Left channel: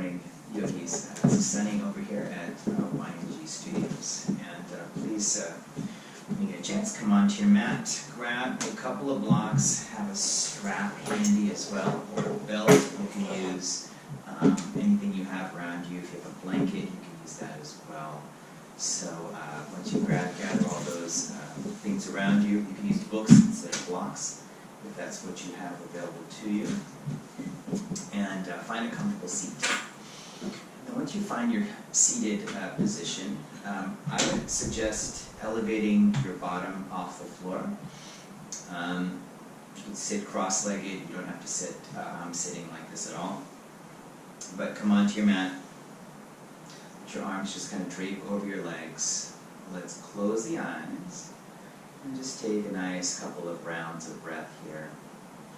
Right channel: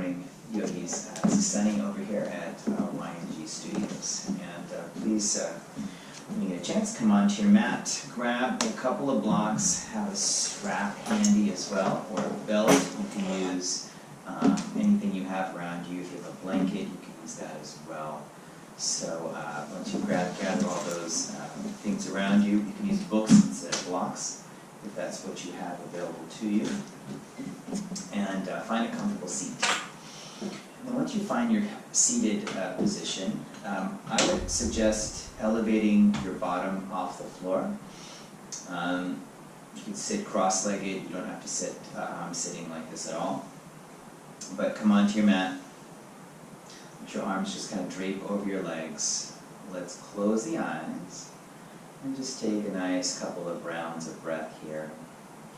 morning, yogis. This is Sonny over here at YNG Studios. And please, when you get a chance, come onto your mat, grab a couple of blocks, have a strap handy as well, or a belt. You can use anything you have around you. If you have a blanket, you can use that as well. So once you gather all those things around you, you can use books instead of blocks, if that's what you have available to you. And find a comfortable seat. And then once you find your seated position, I would suggest elevating your bottom off the floor. You can sit cross-legged. You don't have to sit sitting like this at all. But come onto your mat. Let your arms just kind of drape over your legs. Let's close the eyes and just take a nice couple of rounds of breath here.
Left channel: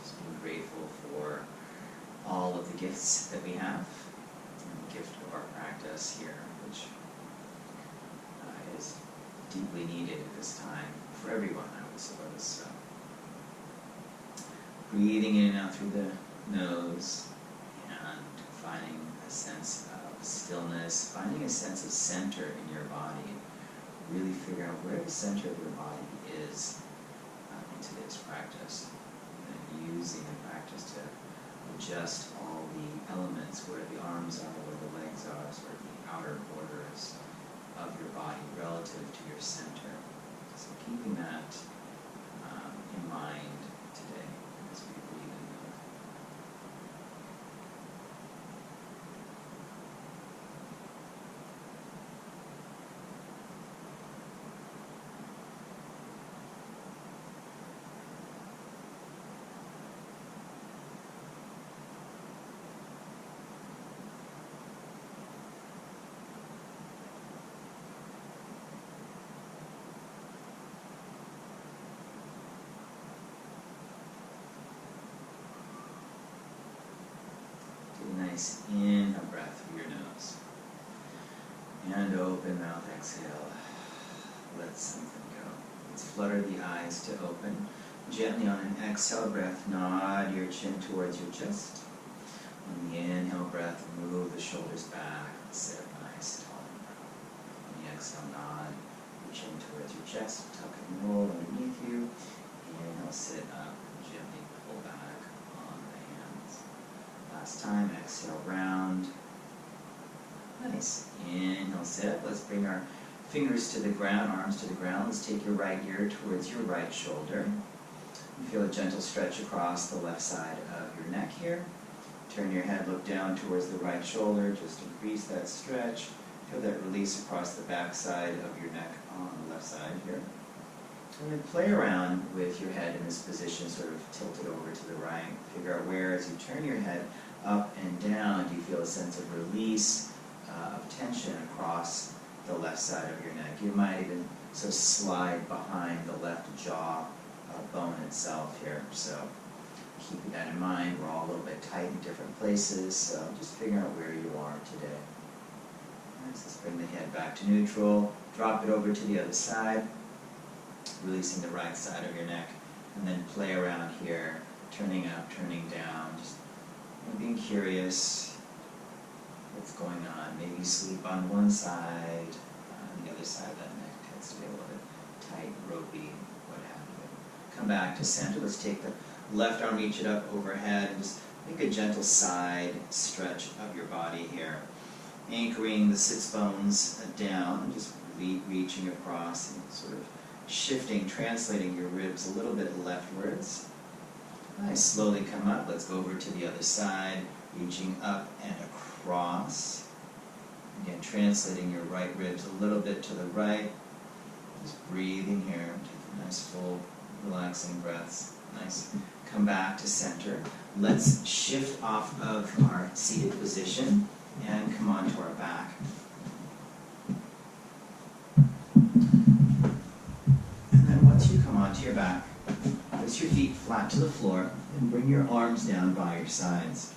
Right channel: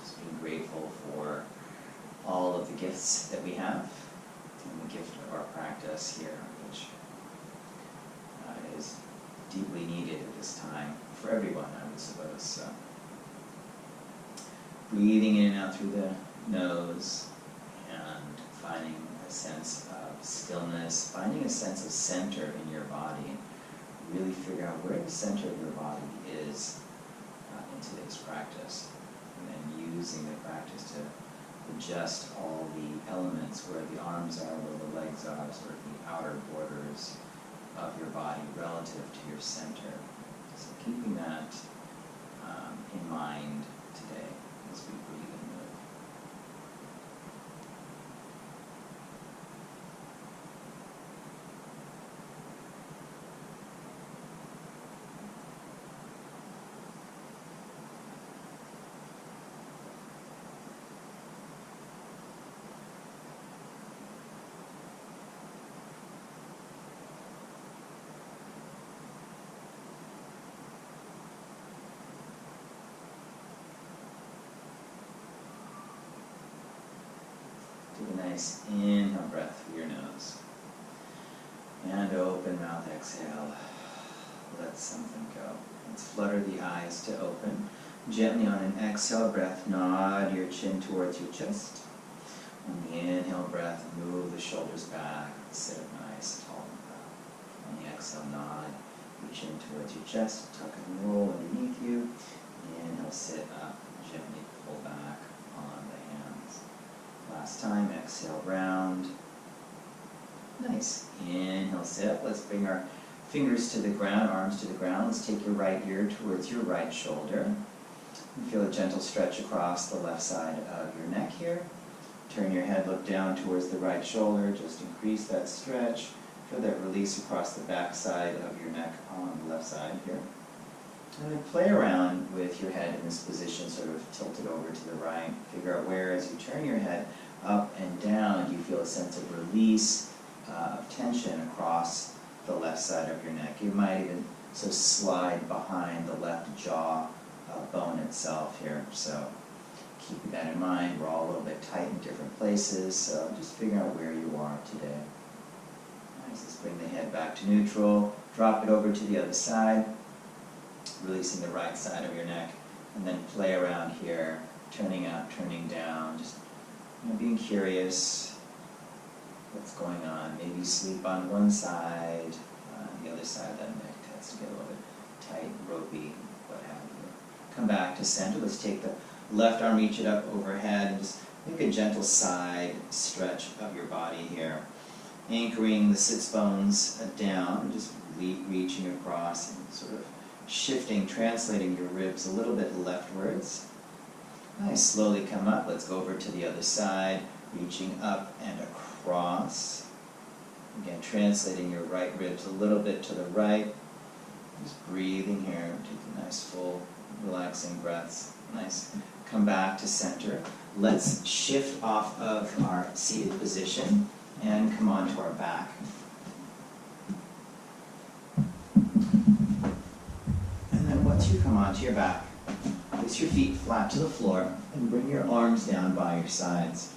Just being grateful for all of the gifts that we have and the gift of our practice here, which is deeply needed at this time for everyone, I would suppose. So, breathing in and out through the nose and finding a sense of stillness, finding a sense of center in your body. Really figure out where the center of your body is in today's practice, and then using the practice to adjust all the elements, where the arms are, where the legs are, sort of the outer borders of your body relative to your center. So keeping that in mind today as we breathe and move. Take a nice inhale breath through your nose. And open mouth exhale. Let something go. Let's flutter the eyes to open. Gently on an exhale breath, nod your chin towards your chest. On the inhale breath, move the shoulders back. Sit up nice, tall and proud. On the exhale, nod your chin towards your chest. Tuck and roll underneath you. Inhale, sit up. Gently pull back on the hands. Last time, exhale, round. Nice. Inhale, sit up. Let's bring our fingers to the ground, arms to the ground. Let's take your right ear towards your right shoulder. And feel a gentle stretch across the left side of your neck here. Turn your head, look down towards the right shoulder. Just increase that stretch. Feel that release across the back side of your neck on the left side here. And then play around with your head in this position, sort of tilted over to the right. Figure out where, as you turn your head up and down, do you feel a sense of release of tension across the left side of your neck. You might even sort of slide behind the left jaw bone itself here. So keeping that in mind, we're all a little bit tight in different places, so just figure out where you are today. Nice, let's bring the head back to neutral, drop it over to the other side, releasing the right side of your neck, and then play around here, turning up, turning down, just being curious. What's going on? Maybe sleep on one side, the other side of that neck tends to get a little bit tight, ropey, what have you. Come back to center. Let's take the left arm, reach it up overhead, and just make a gentle side stretch of your body here. Anchoring the sits bones down, just reaching across and sort of shifting, translating your ribs a little bit leftwards. Nice, slowly come up. Let's go over to the other side, reaching up and across. Again, translating your right ribs a little bit to the right. Just breathing here, taking nice, full, relaxing breaths. Nice. Come back to center. Let's shift off of our seated position and come onto our back. And then once you come onto your back, place your feet flat to the floor and bring your arms down by your sides.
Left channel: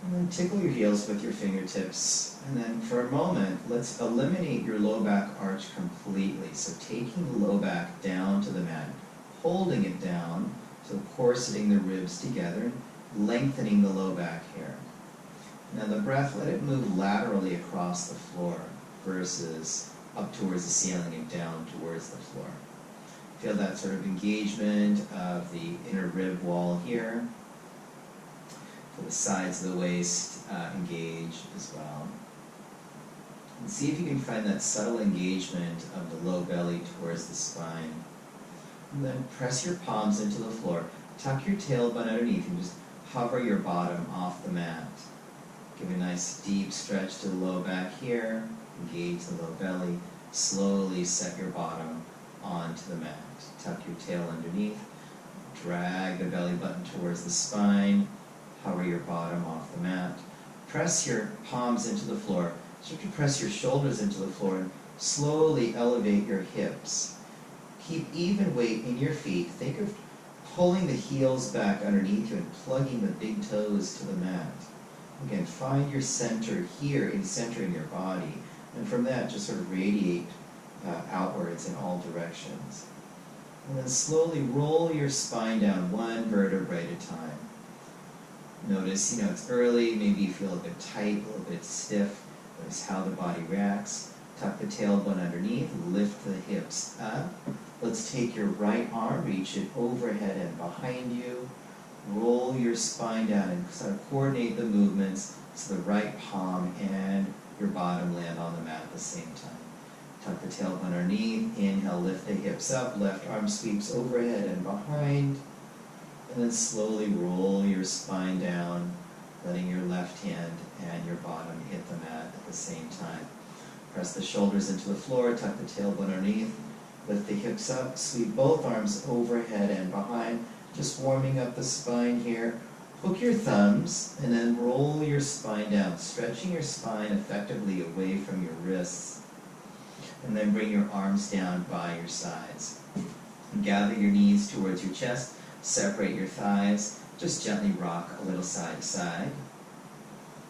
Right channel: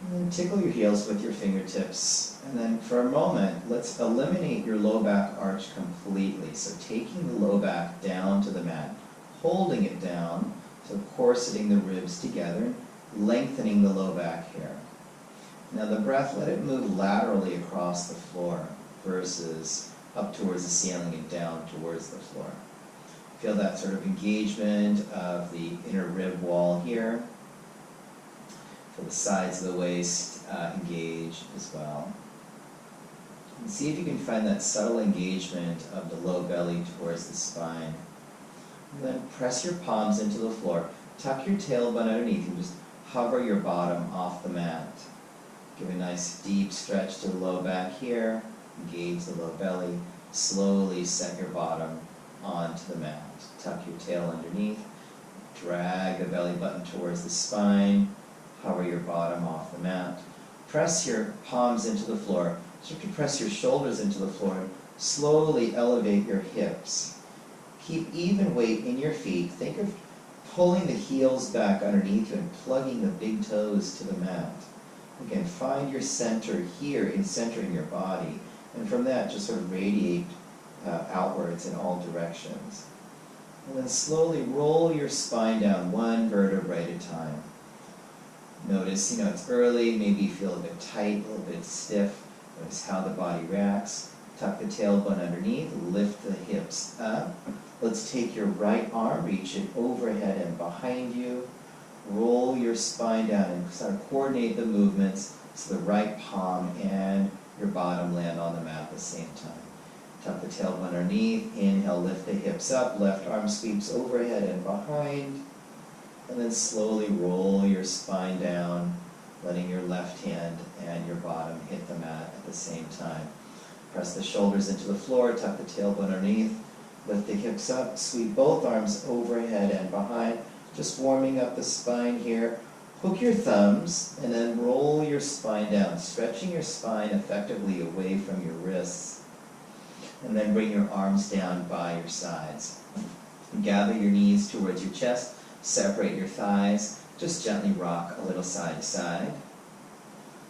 And then tickle your heels with your fingertips. And then for a moment, let's eliminate your low back arch completely. So taking the low back down to the mat, holding it down, so corseting the ribs together, lengthening the low back here. Now the breath, let it move laterally across the floor versus up towards the ceiling and down towards the floor. Feel that sort of engagement of the inner rib wall here. Feel the sides of the waist engage as well. And see if you can find that subtle engagement of the low belly towards the spine. And then press your palms into the floor. Tuck your tailbone underneath and just hover your bottom off the mat. Give a nice deep stretch to the low back here. Engage the low belly. Slowly set your bottom onto the mat. Tuck your tail underneath. Drag the belly button towards the spine. Hover your bottom off the mat. Press your palms into the floor. Start to press your shoulders into the floor. Slowly elevate your hips. Keep even weight in your feet. Think of pulling the heels back underneath you and plugging the big toes to the mat. Again, find your center here in centering your body. And from that, just sort of radiate outwards in all directions. And then slowly roll your spine down one vertebrae at a time. Notice, it's early, maybe you feel a bit tight, a little bit stiff. Notice how the body reacts. Tuck the tailbone underneath, lift the hips up. Let's take your right arm, reach it overhead and behind you. Roll your spine down and sort of coordinate the movements so the right palm and your bottom land on the mat at the same time. Tuck the tailbone underneath, inhale, lift the hips up, left arm sweeps overhead and behind. And then slowly roll your spine down, letting your left hand and your bottom hit the mat at the same time. Press the shoulders into the floor, tuck the tailbone underneath, lift the hips up, sweep both arms overhead and behind, just warming up the spine here. Hook your thumbs and then roll your spine down, stretching your spine effectively away from your wrists. And then bring your arms down by your sides. And gather your knees towards your chest, separate your thighs, just gently rock a little side to side.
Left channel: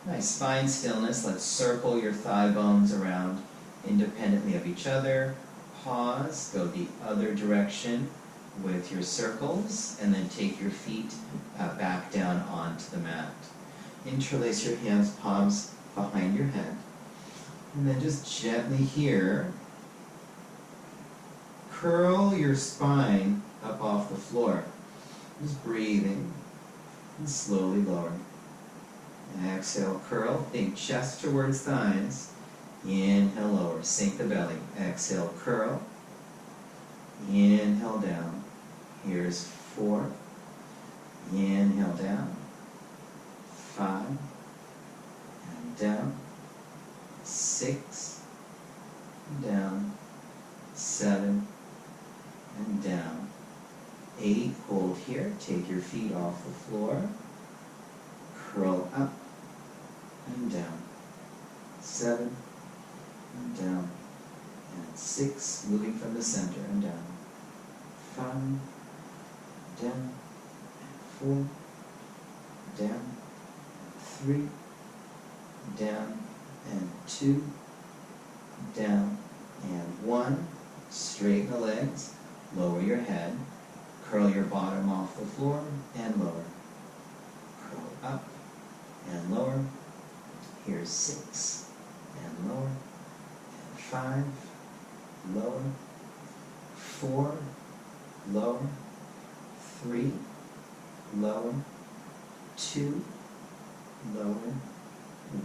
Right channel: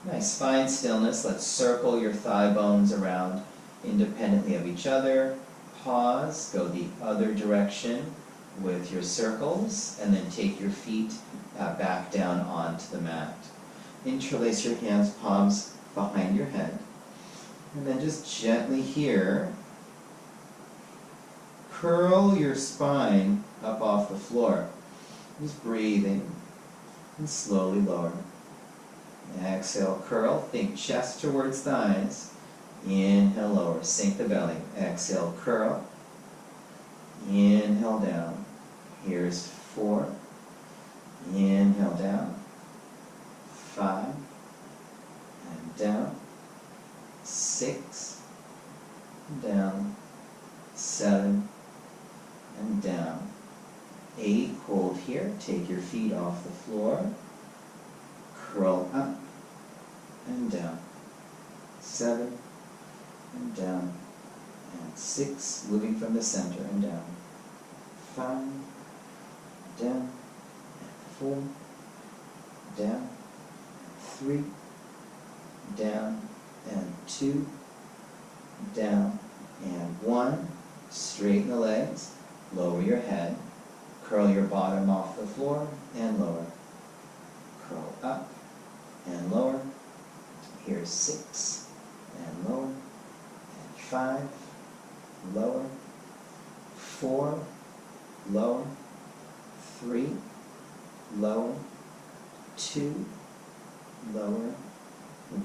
Nice spine stillness. Let's circle your thigh bones around independently of each other. Pause, go the other direction with your circles, and then take your feet back down onto the mat. Interlace your hands, palms behind your head. And then just gently here, curl your spine up off the floor. Just breathing and slowly lower. Exhale, curl, think chest towards thighs. Inhale, lower, sink the belly. Exhale, curl. Inhale, down. Here's 4. Inhale, down. 5. And down. 6. Down. 7. And down. 8. Hold here. Take your feet off the floor. Curl up and down. 7 and down. And 6. Moving from the center and down. 5. Down. And 4. Down. And 3. Down. And 2. Down. And 1. Straighten the legs. Lower your head. Curl your bottom off the floor and lower. Curl up and lower. Here's 6 and lower. And 5, lower. 4, lower. 3, lower. 2, lower.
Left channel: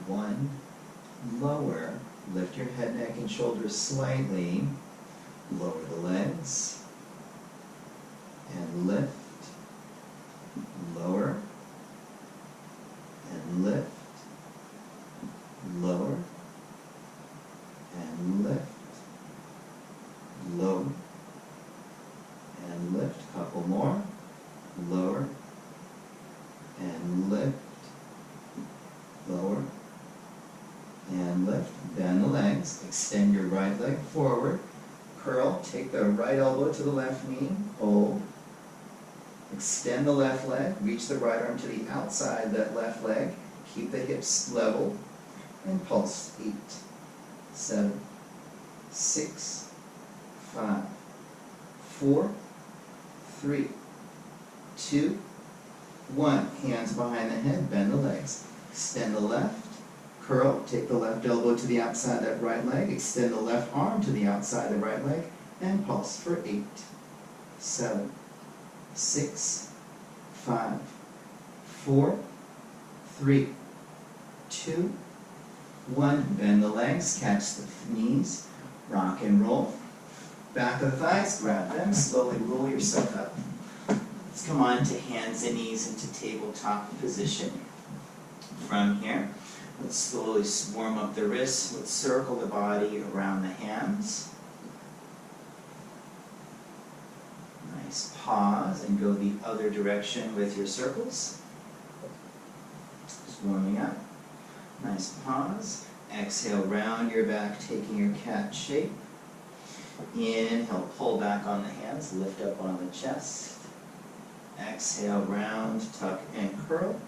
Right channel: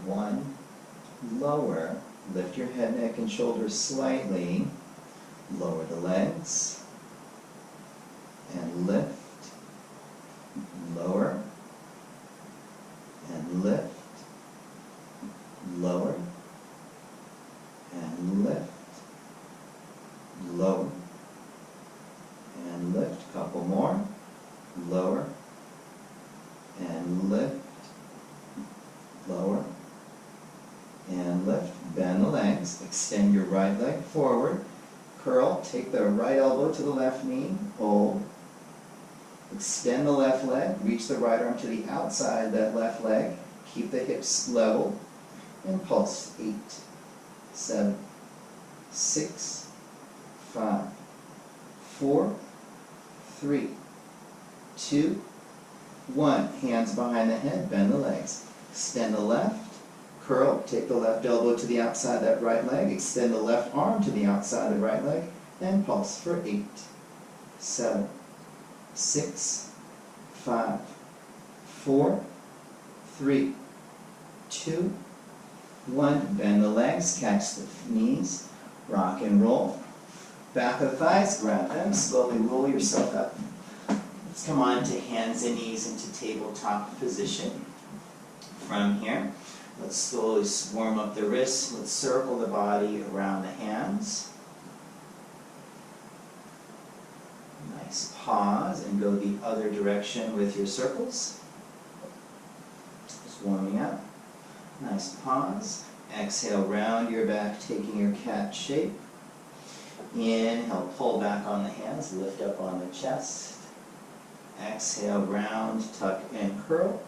1, lower. Lift your head, neck, and shoulders slightly. Lower the legs. And lift. Lower. And lift. Lower. And lift. Lower. And lift. Couple more. Lower. And lift. Lower. And lift. Bend the legs. Extend your right leg forward. Curl. Take the right elbow to the left knee. Hold. Extend the left leg. Reach the right arm to the outside of that left leg. Keep the hips level. And pulse. 8, 7, 6, 5, 4, 3, 2, 1. Hands behind the head. Bend the legs. Extend the left, curl, take the left elbow to the outside of that right leg, extend the left arm to the outside of the right leg, and pulse for 8, 7, 6, 5, 4, 3, 2, 1. Bend the legs, catch the knees, rock and roll. Back of the thighs, grab them, slowly roll yourself up. Let's come on to hands and knees into tabletop position. From here, let's slowly warm up the wrists. Let's circle the body around the hands. Nice pause and go the other direction with your circles. Just warming up. Nice pause. Exhale, round your back, taking your cat shape. Inhale, pull back on the hands, lift up on the chest. Exhale, round, tuck, and curl.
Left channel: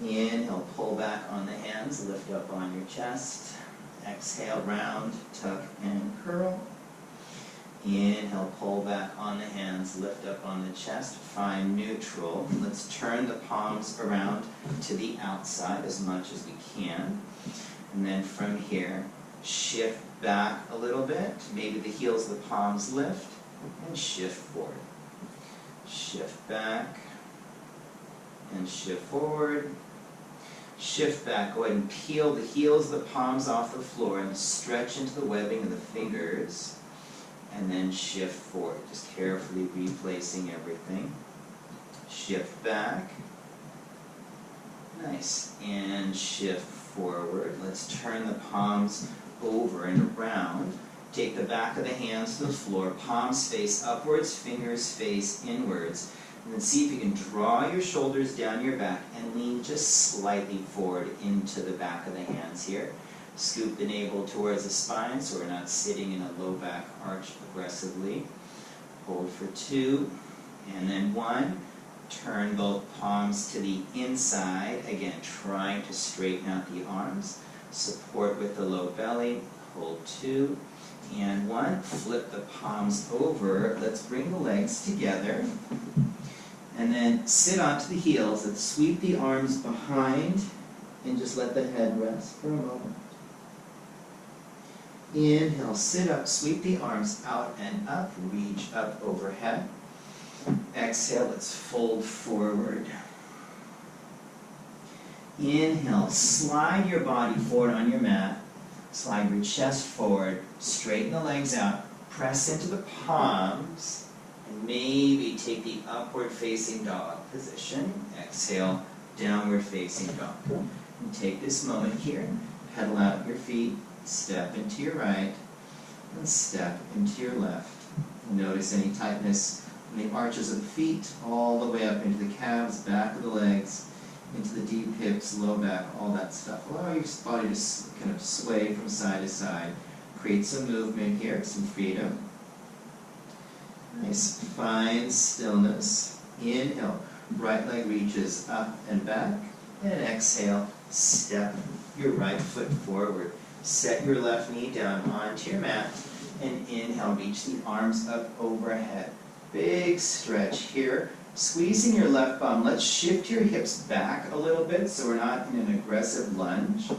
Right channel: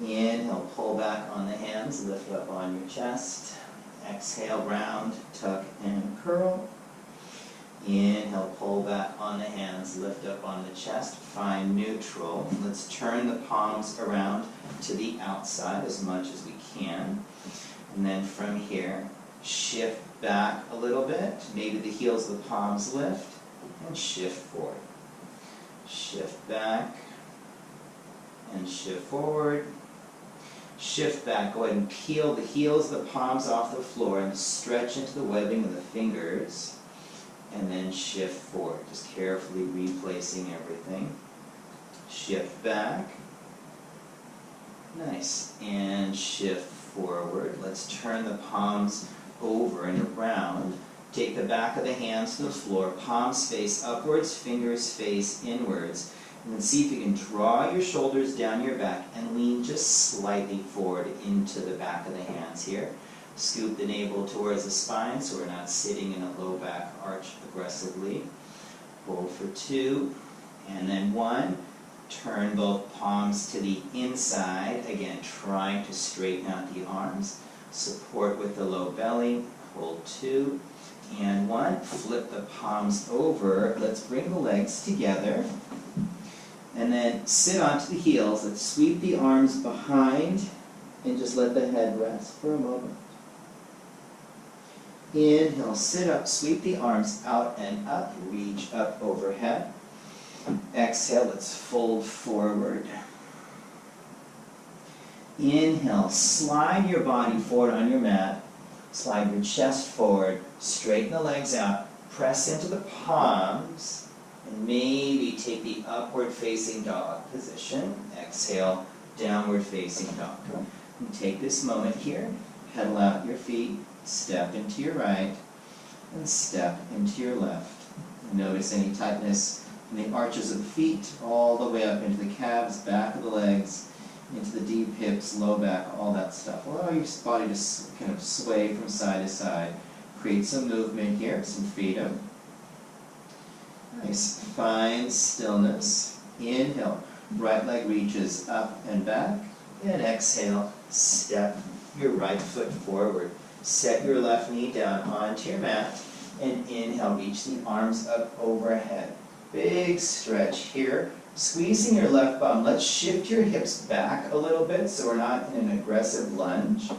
Inhale, pull back on the hands, lift up on your chest. Exhale, round, tuck, and curl. Inhale, pull back on the hands, lift up on the chest. Find neutral. Let's turn the palms around to the outside as much as we can. And then from here, shift back a little bit. Maybe the heels of the palms lift, and shift forward. Shift back, and shift forward. Shift back. Go ahead and peel the heels of the palms off the floor and stretch into the webbing of the fingers. And then shift forward, just carefully replacing everything. Shift back. Nice. And shift forward. Let's turn the palms over and around. Take the back of the hands to the floor, palms face upwards, fingers face inwards. And then see if you can draw your shoulders down your back and lean just slightly forward into the back of the hands here. Scoop the navel towards the spine so we're not sitting in a low back arch aggressively. Hold for 2, and then 1. Turn both palms to the inside, again trying to straighten out the arms. Support with the low belly. Hold 2, and 1. Flip the palms over. Let's bring the legs together. And then sit onto the heels. Let's sweep the arms behind and just let the head rest for a moment. Inhale, sit up, sweep the arms out and up, reach up overhead. Exhale, let's fold forward. Inhale, slide your body forward on your mat. Slide your chest forward, straighten the legs out, press into the palms, and maybe take the upward facing dog position. Exhale, downward facing dog. And take this moment here, pedal out your feet, step into your right, and step into your left. Notice any tightness in the arches of the feet, all the way up into the calves, back of the legs, into the deep hips, low back, all that stuff. Allow your body to kind of sway from side to side. Create some movement here, some freedom. Nice. Find stillness. Inhale, right leg reaches up and back. And exhale, step your right foot forward. Set your left knee down onto your mat. And inhale, reach the arms up overhead. Big stretch here. Squeezing your left bum. Let's shift your hips back a little bit so we're not in an aggressive lunge.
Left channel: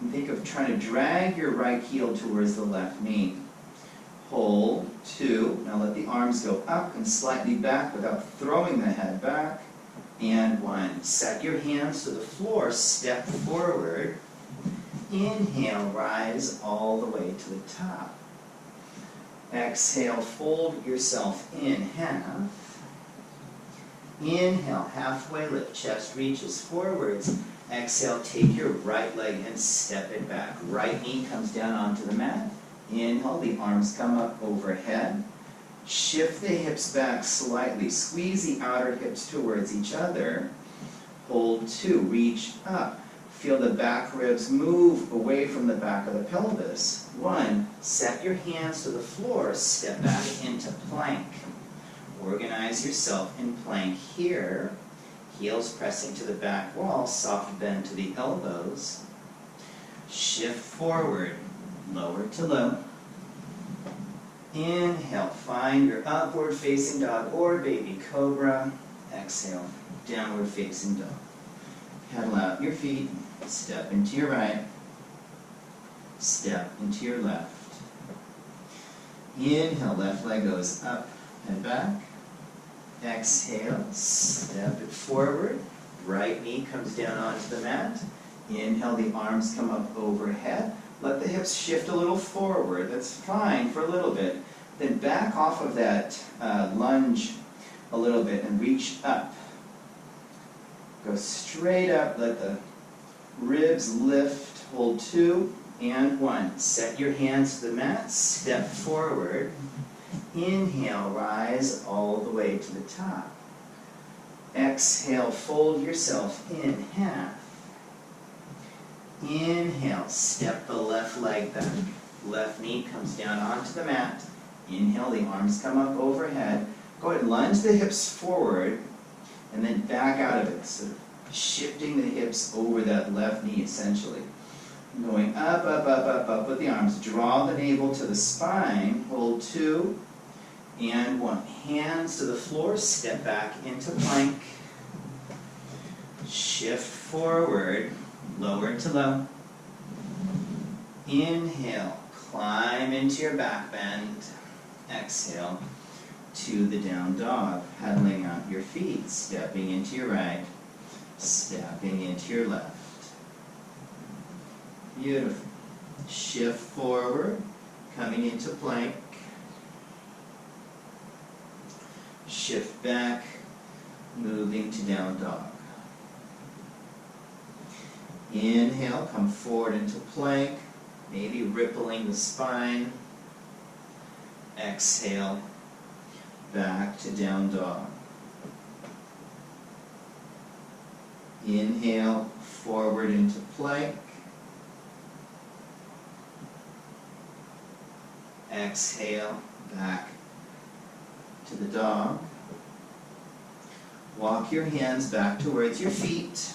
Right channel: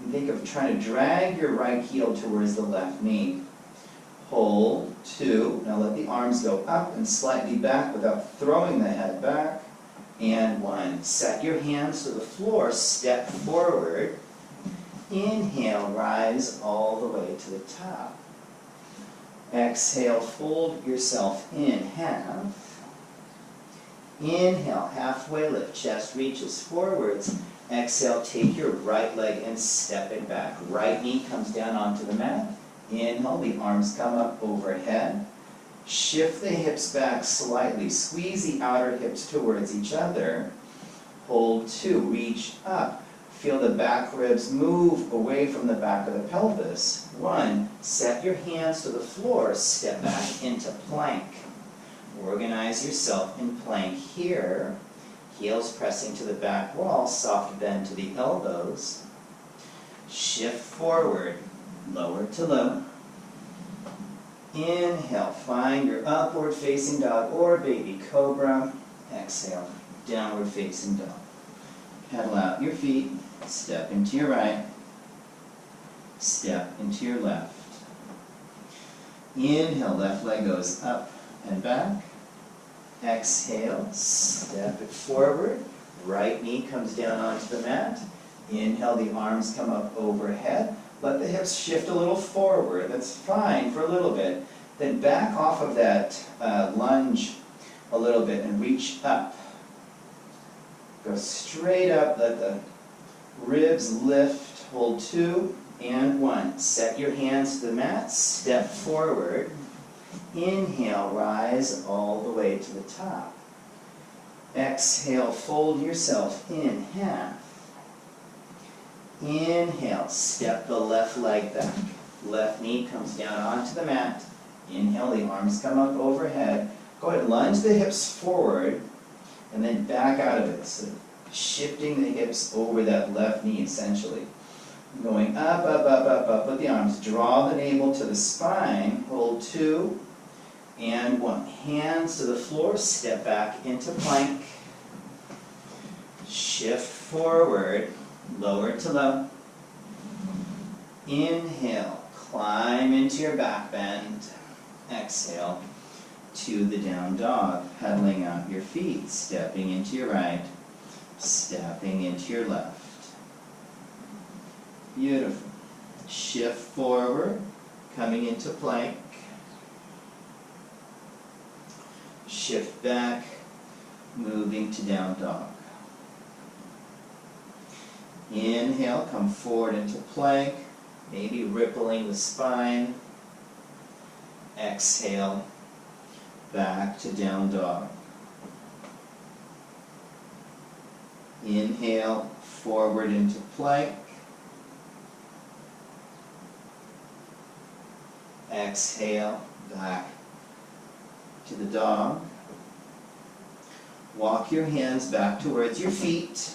And think of trying to drag your right heel towards the left knee. Hold, 2. Now let the arms go up and slightly back without throwing the head back. And 1. Set your hands to the floor, step forward. Inhale, rise all the way to the top. Exhale, fold yourself in half. Inhale, halfway lift, chest reaches forwards. Exhale, take your right leg and step it back. Right knee comes down onto the mat. Inhale, the arms come up overhead. Shift the hips back slightly. Squeeze the outer hips towards each other. Hold 2, reach up. Feel the back ribs move away from the back of the pelvis. 1, set your hands to the floor, step back into plank. Organize yourself in plank here. Heels pressing to the back wall, soft bend to the elbows. Shift forward, lower to low. Inhale, find your upward facing dog or baby cobra. Exhale, downward facing dog. Pedal out your feet, step into your right, step into your left. Inhale, left leg goes up and back. Exhale, step it forward. Right knee comes down onto the mat. Inhale, the arms come up overhead. Let the hips shift a little forward. That's fine for a little bit. Then back off of that lunge a little bit and reach up. Go straight up, let the ribs lift. Hold 2 and 1. Set your hands to the mat, step forward. Inhale, rise all the way to the top. Exhale, fold yourself in half. Inhale, step the left leg back. Left knee comes down onto the mat. Inhale, the arms come up overhead. Go ahead and lunge the hips forward and then back out of it, sort of shifting the hips over that left knee essentially. Going up, up, up, up, up with the arms. Draw the navel to the spine. Hold 2 and 1. Hands to the floor, step back into plank. Shift forward, lower to low. Inhale, climb into your back bend. Exhale to the down dog, pedaling out your feet, stepping into your right, stepping into your left. Beautiful. Shift forward, coming into plank. Shift back, moving to down dog. Inhale, come forward into plank, maybe rippling the spine. Exhale, back to down dog. Inhale, forward into plank. Exhale, back to the dog. Walk your hands back towards your feet.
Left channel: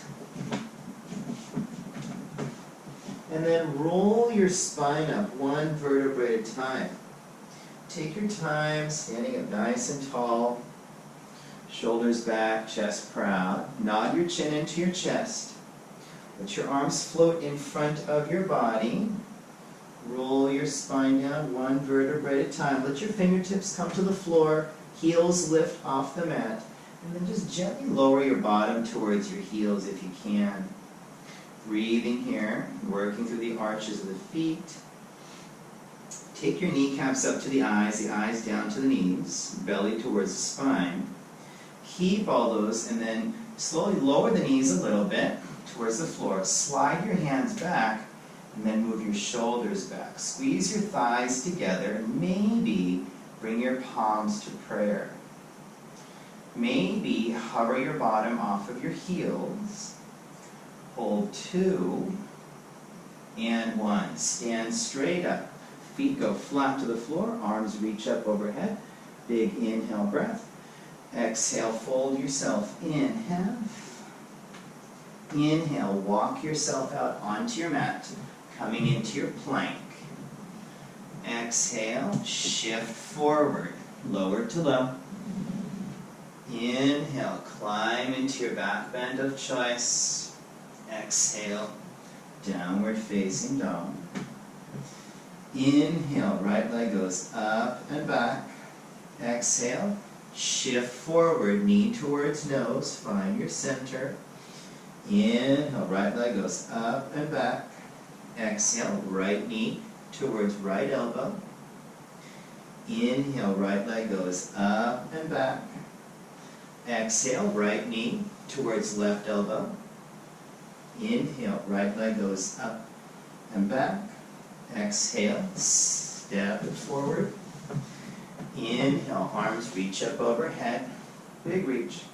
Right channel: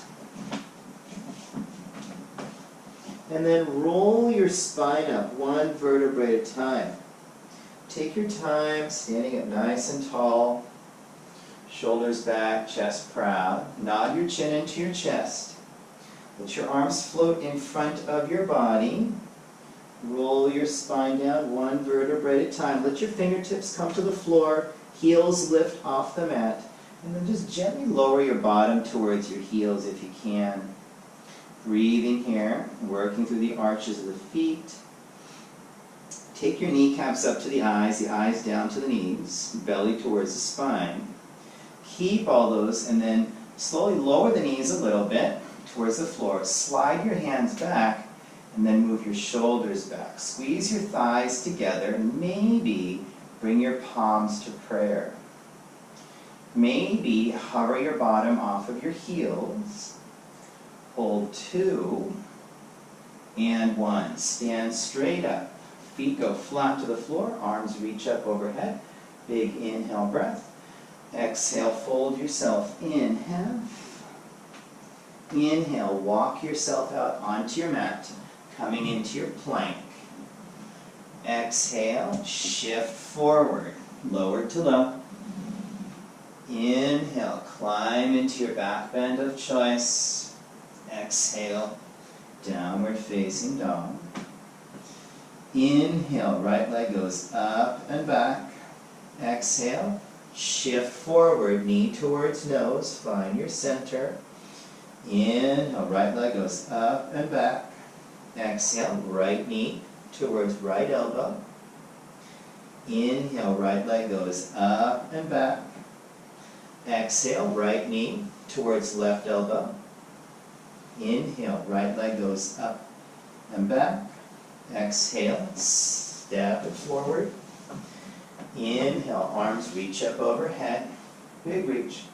And then roll your spine up 1 vertebrae at a time. Take your time, standing up nice and tall. Shoulders back, chest proud. Nod your chin into your chest. Let your arms float in front of your body. Roll your spine down 1 vertebrae at a time. Let your fingertips come to the floor. Heels lift off the mat. And then just gently lower your bottom towards your heels if you can. Breathing here, working through the arches of the feet. Take your kneecaps up to the eyes down to the knees, belly towards the spine. Keep all those and then slowly lower the knees a little bit towards the floor. Slide your hands back and then move your shoulders back. Squeeze your thighs together and maybe bring your palms to prayer. Maybe hover your bottom off of your heels. Hold 2 and 1. Stand straight up. Feet go flat to the floor. Arms reach up overhead. Big inhale breath. Exhale, fold yourself in half. Inhale, walk yourself out onto your mat, coming into your plank. Exhale, shift forward, lower to low. Inhale, climb into your back bend of choice. Exhale, downward facing dog. Inhale, right leg goes up and back. Exhale, shift forward, knee towards nose, find your center. Inhale, right leg goes up and back. Exhale, right knee towards right elbow. Inhale, right leg goes up and back. Exhale, right knee towards left elbow. Inhale, right leg goes up and back. Exhale, step it forward. Inhale, arms reach up overhead. Big reach.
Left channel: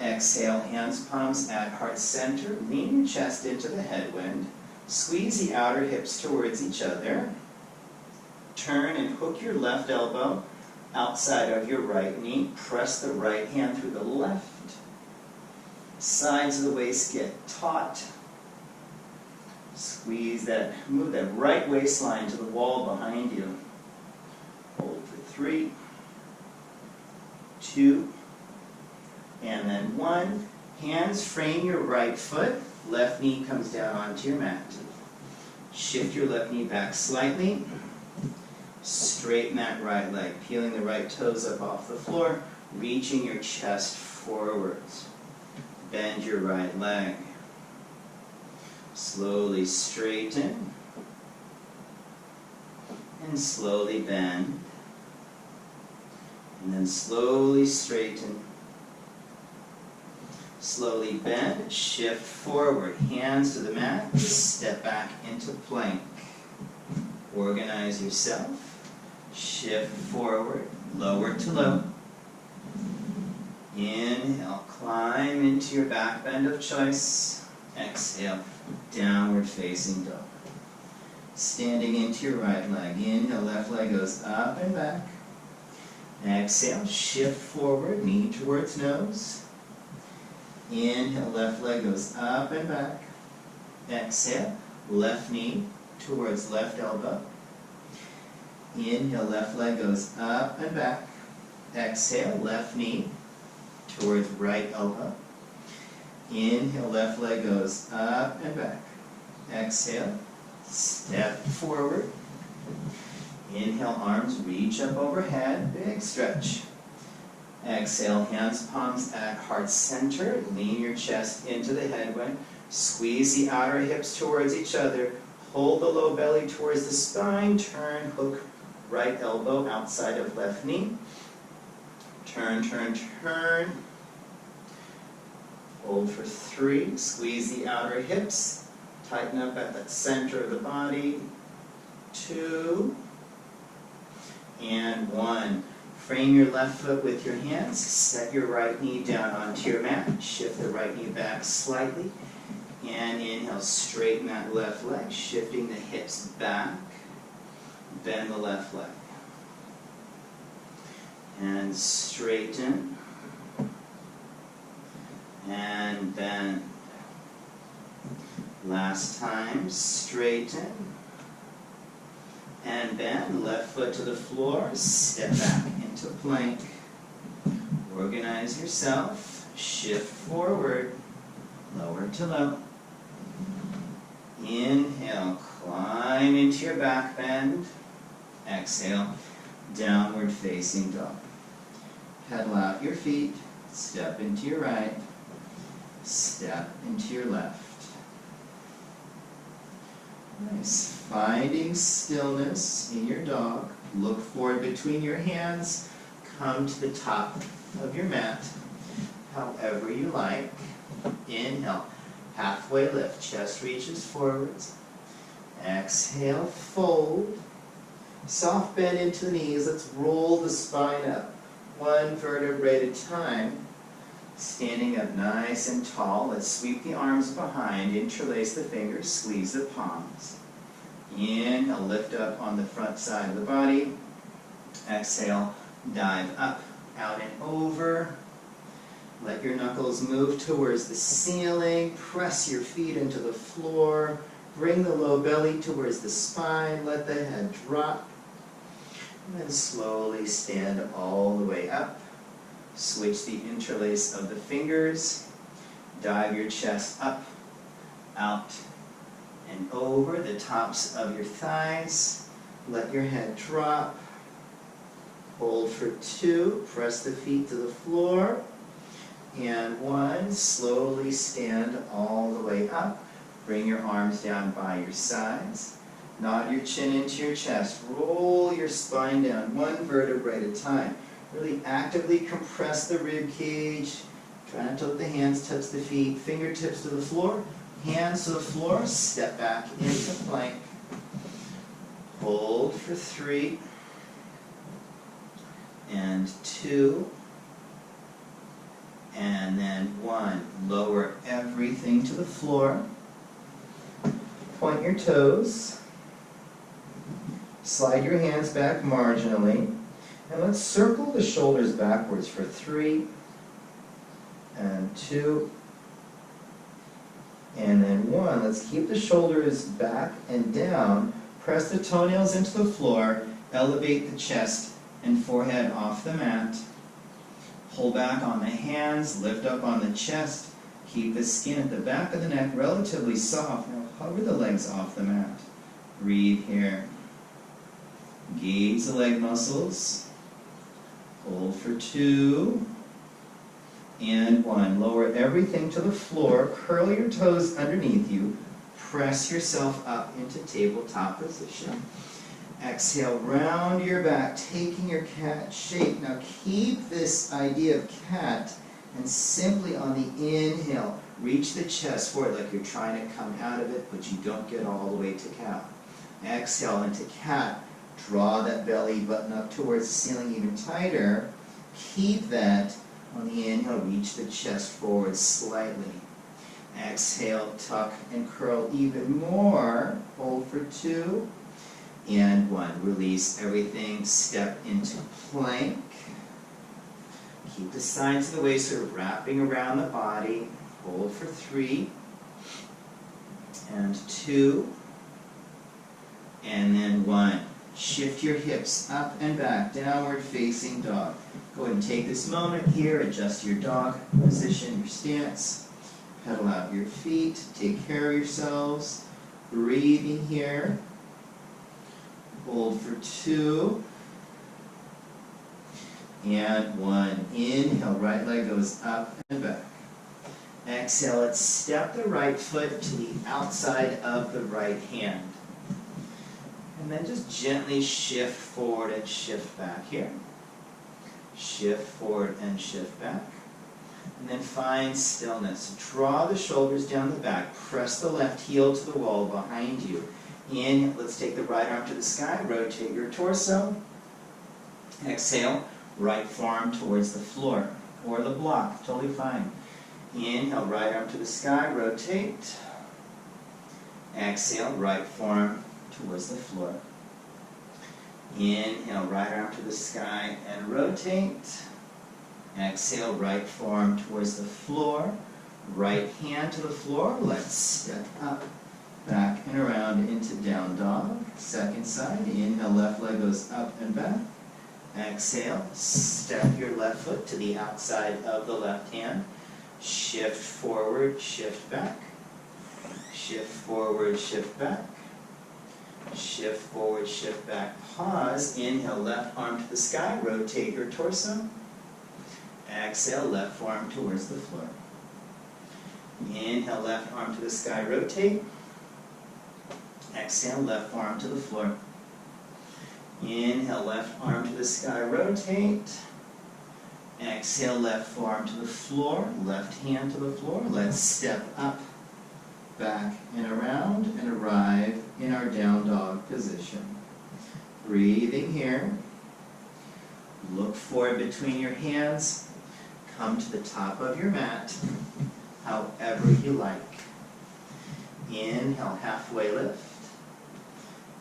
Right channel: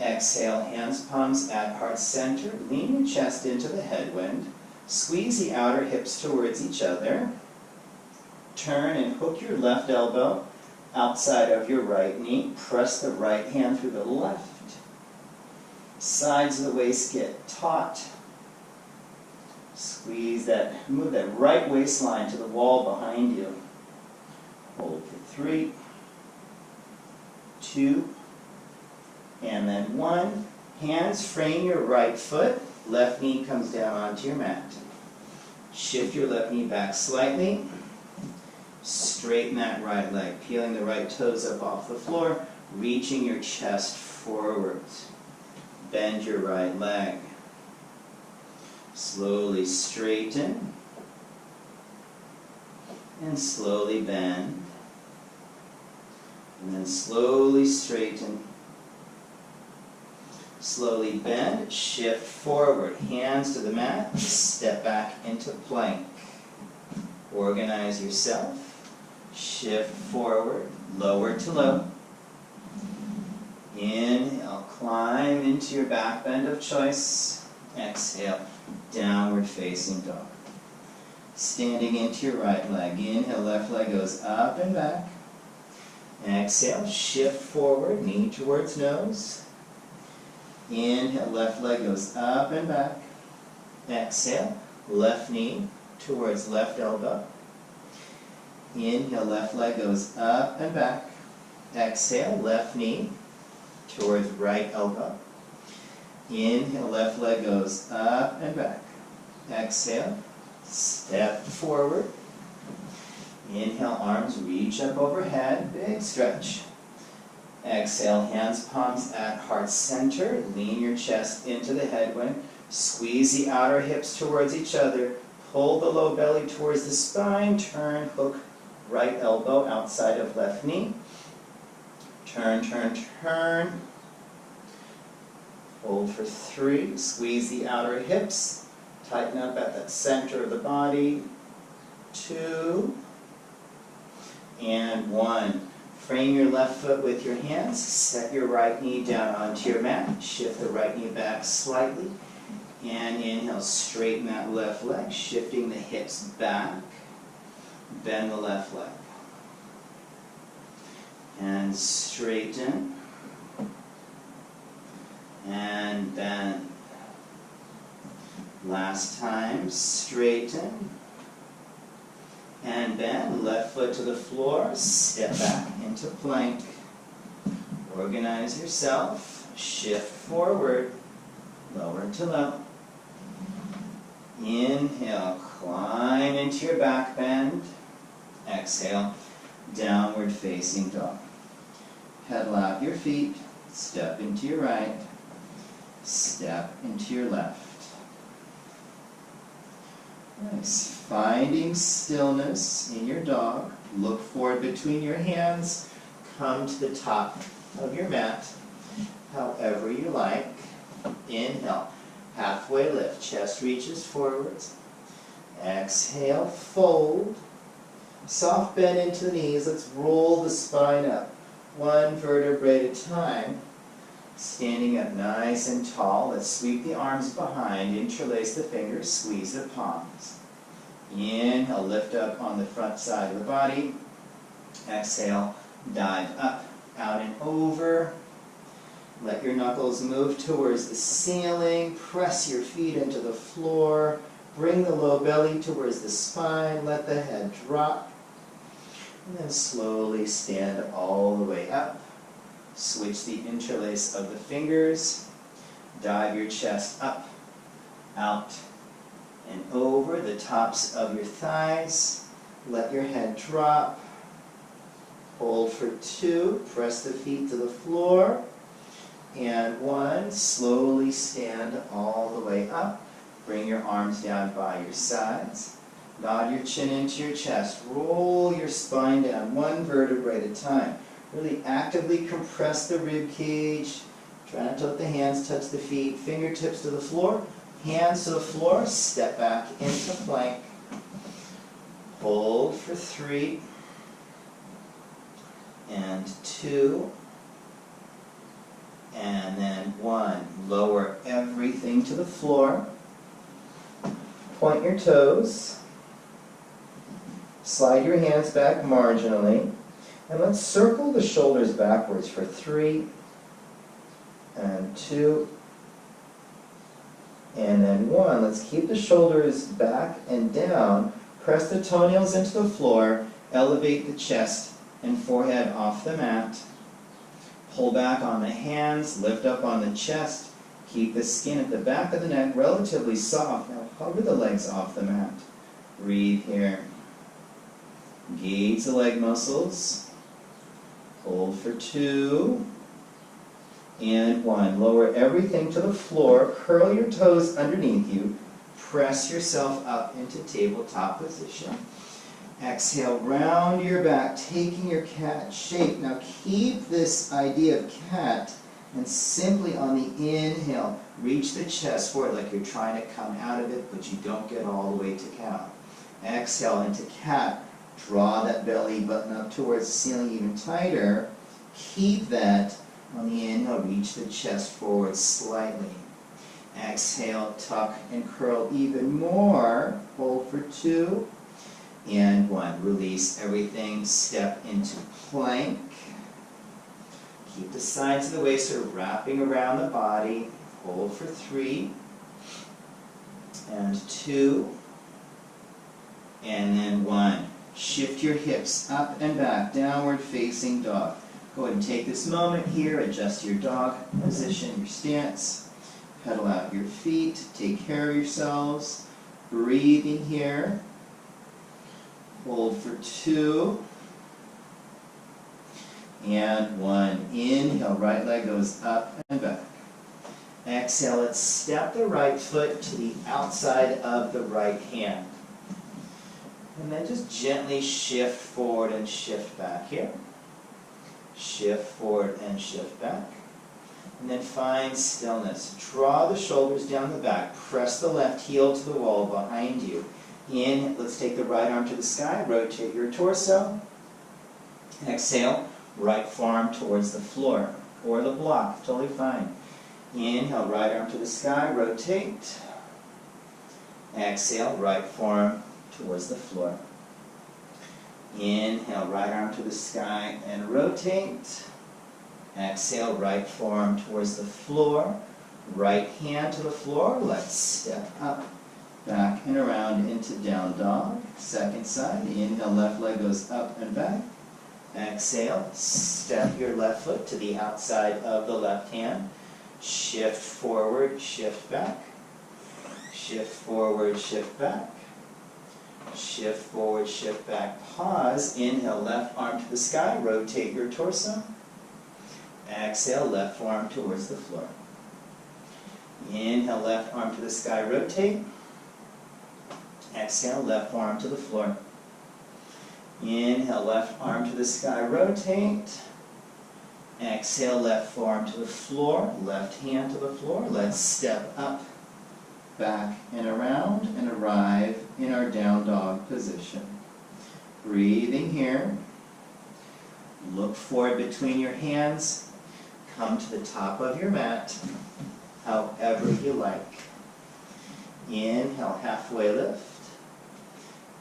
Exhale, hands, palms at heart center. Lean your chest into the headwind. Squeeze the outer hips towards each other. Turn and hook your left elbow outside of your right knee. Press the right hand through the left. Sides of the waist get taut. Squeeze that, move that right waistline to the wall behind you. Hold for 3, 2, and then 1. Hands frame your right foot, left knee comes down onto your mat. Shift your left knee back slightly. Straighten that right leg, peeling the right toes up off the floor, reaching your chest forwards. Bend your right leg. Slowly straighten and slowly bend. And then slowly straighten. Slowly bend, shift forward, hands to the mat, step back into plank. Organize yourself, shift forward, lower to low. Inhale, climb into your back bend of choice. Exhale, downward facing dog. Standing into your right leg. Inhale, left leg goes up and back. Exhale, shift forward, knee towards nose. Inhale, left leg goes up and back. Exhale, left knee towards left elbow. Inhale, left leg goes up and back. Exhale, left knee towards right elbow. Inhale, left leg goes up and back. Exhale, step forward. Inhale, arms reach up overhead, big stretch. Exhale, hands, palms at heart center. Lean your chest into the headwind. Squeeze the outer hips towards each other. Pull the low belly towards the spine. Turn, hook right elbow outside of left knee. Turn, turn, turn. Hold for 3. Squeeze the outer hips. Tighten up at the center of the body. 2. And 1. Frame your left foot with your hands. Set your right knee down onto your mat. Shift the right knee back slightly. And inhale, straighten that left leg, shifting the hips back. Bend the left leg. And straighten. And bend. Last time, straighten. And bend, left foot to the floor, step back into plank. Organize yourself, shift forward, lower to low. Inhale, climb into your back bend. Exhale, downward facing dog. Pedal out your feet, step into your right, step into your left. Nice. Finding stillness in your dog. Look forward between your hands. Come to the top of your mat, however you like. Inhale, halfway lift. Chest reaches forwards. Exhale, fold. Soft bend into the knees. Let's roll the spine up. 1 vertebrae at a time. Standing up nice and tall. Let's sweep the arms behind. Interlace the fingers. Squeeze the palms. Inhale, lift up on the front side of the body. Exhale, dive up, out and over. Let your knuckles move towards the ceiling. Press your feet into the floor. Bring the low belly towards the spine. Let the head drop. And then slowly stand all the way up. Switch the interlace of the fingers. Dive your chest up, out, and over the tops of your thighs. Let your head drop. Hold for 2. Press the feet to the floor. And 1. Slowly stand all the way up. Bring your arms down by your sides. Nod your chin into your chest. Roll your spine down 1 vertebrae at a time. Really actively compress the rib cage. Try not to let the hands touch the feet. Fingertips to the floor. Hands to the floor. Step back into plank. Hold for 3. And 2. And then 1. Lower everything to the floor. Point your toes. Slide your hands back marginally. And let's circle the shoulders backwards for 3. And 2. And then 1. Let's keep the shoulders back and down. Press the toenails into the floor. Elevate the chest and forehead off the mat. Pull back on the hands. Lift up on the chest. Keep the skin at the back of the neck relatively soft. Now hover the legs off the mat. Breathe here. Engage the leg muscles. Hold for 2 and 1. Lower everything to the floor. Curl your toes underneath you. Press yourself up into tabletop position. Exhale, round your back, taking your cat shape. Now keep this idea of cat, and simply on the inhale, reach the chest forward like you're trying to come out of it, but you don't get all the way to cow. Exhale into cat. Draw that belly button up towards the ceiling even tighter. Keep that on the inhale. Reach the chest forward slightly. Exhale, tuck and curl even more. Hold for 2 and 1. Release everything. Step into plank. Keep the sides of the waist sort of wrapping around the body. Hold for 3 and 2 and then 1. Shift your hips up and back, downward facing dog. Go ahead and take this moment here, adjust your dog position, your stance. Pedal out your feet, take care of yourselves. Breathing here. Hold for 2 and 1. Inhale, right leg goes up and back. Exhale, let's step the right foot to the outside of the right hand. And then just gently shift forward and shift back here. Shift forward and shift back. And then find stillness. Draw the shoulders down the back. Press the left heel to the wall behind you. Inhale, let's take the right arm to the sky. Rotate your torso. Exhale, right forearm towards the floor or the block. Totally fine. Inhale, right arm to the sky. Rotate. Exhale, right forearm towards the floor. Inhale, right arm to the sky and rotate. Exhale, right forearm towards the floor. Right hand to the floor. Let's step up, back and around into down dog. Second side. Inhale, left leg goes up and back. Exhale, step your left foot to the outside of the left hand. Shift forward, shift back. Shift forward, shift back. Shift forward, shift back. Pause. Inhale, left arm to the sky. Rotate your torso. Exhale, left forearm towards the floor. Inhale, left arm to the sky. Rotate. Exhale, left forearm to the floor. Inhale, left arm to the sky. Rotate. Exhale, left forearm to the floor. Left hand to the floor. Let's step up, back and around and arrive in our down dog position. Breathing here. Look forward between your hands. Come to the top of your mat, however you like. Inhale, halfway lift.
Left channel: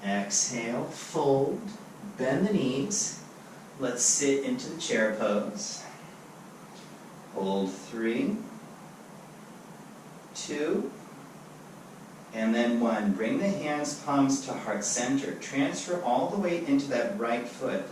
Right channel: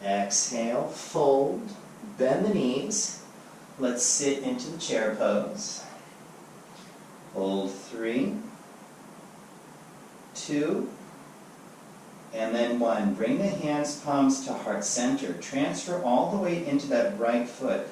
Exhale, fold. Bend the knees. Let's sit into the chair pose. Hold 3, 2, and then 1. Bring the hands, palms to heart center. Transfer all the way into that right foot.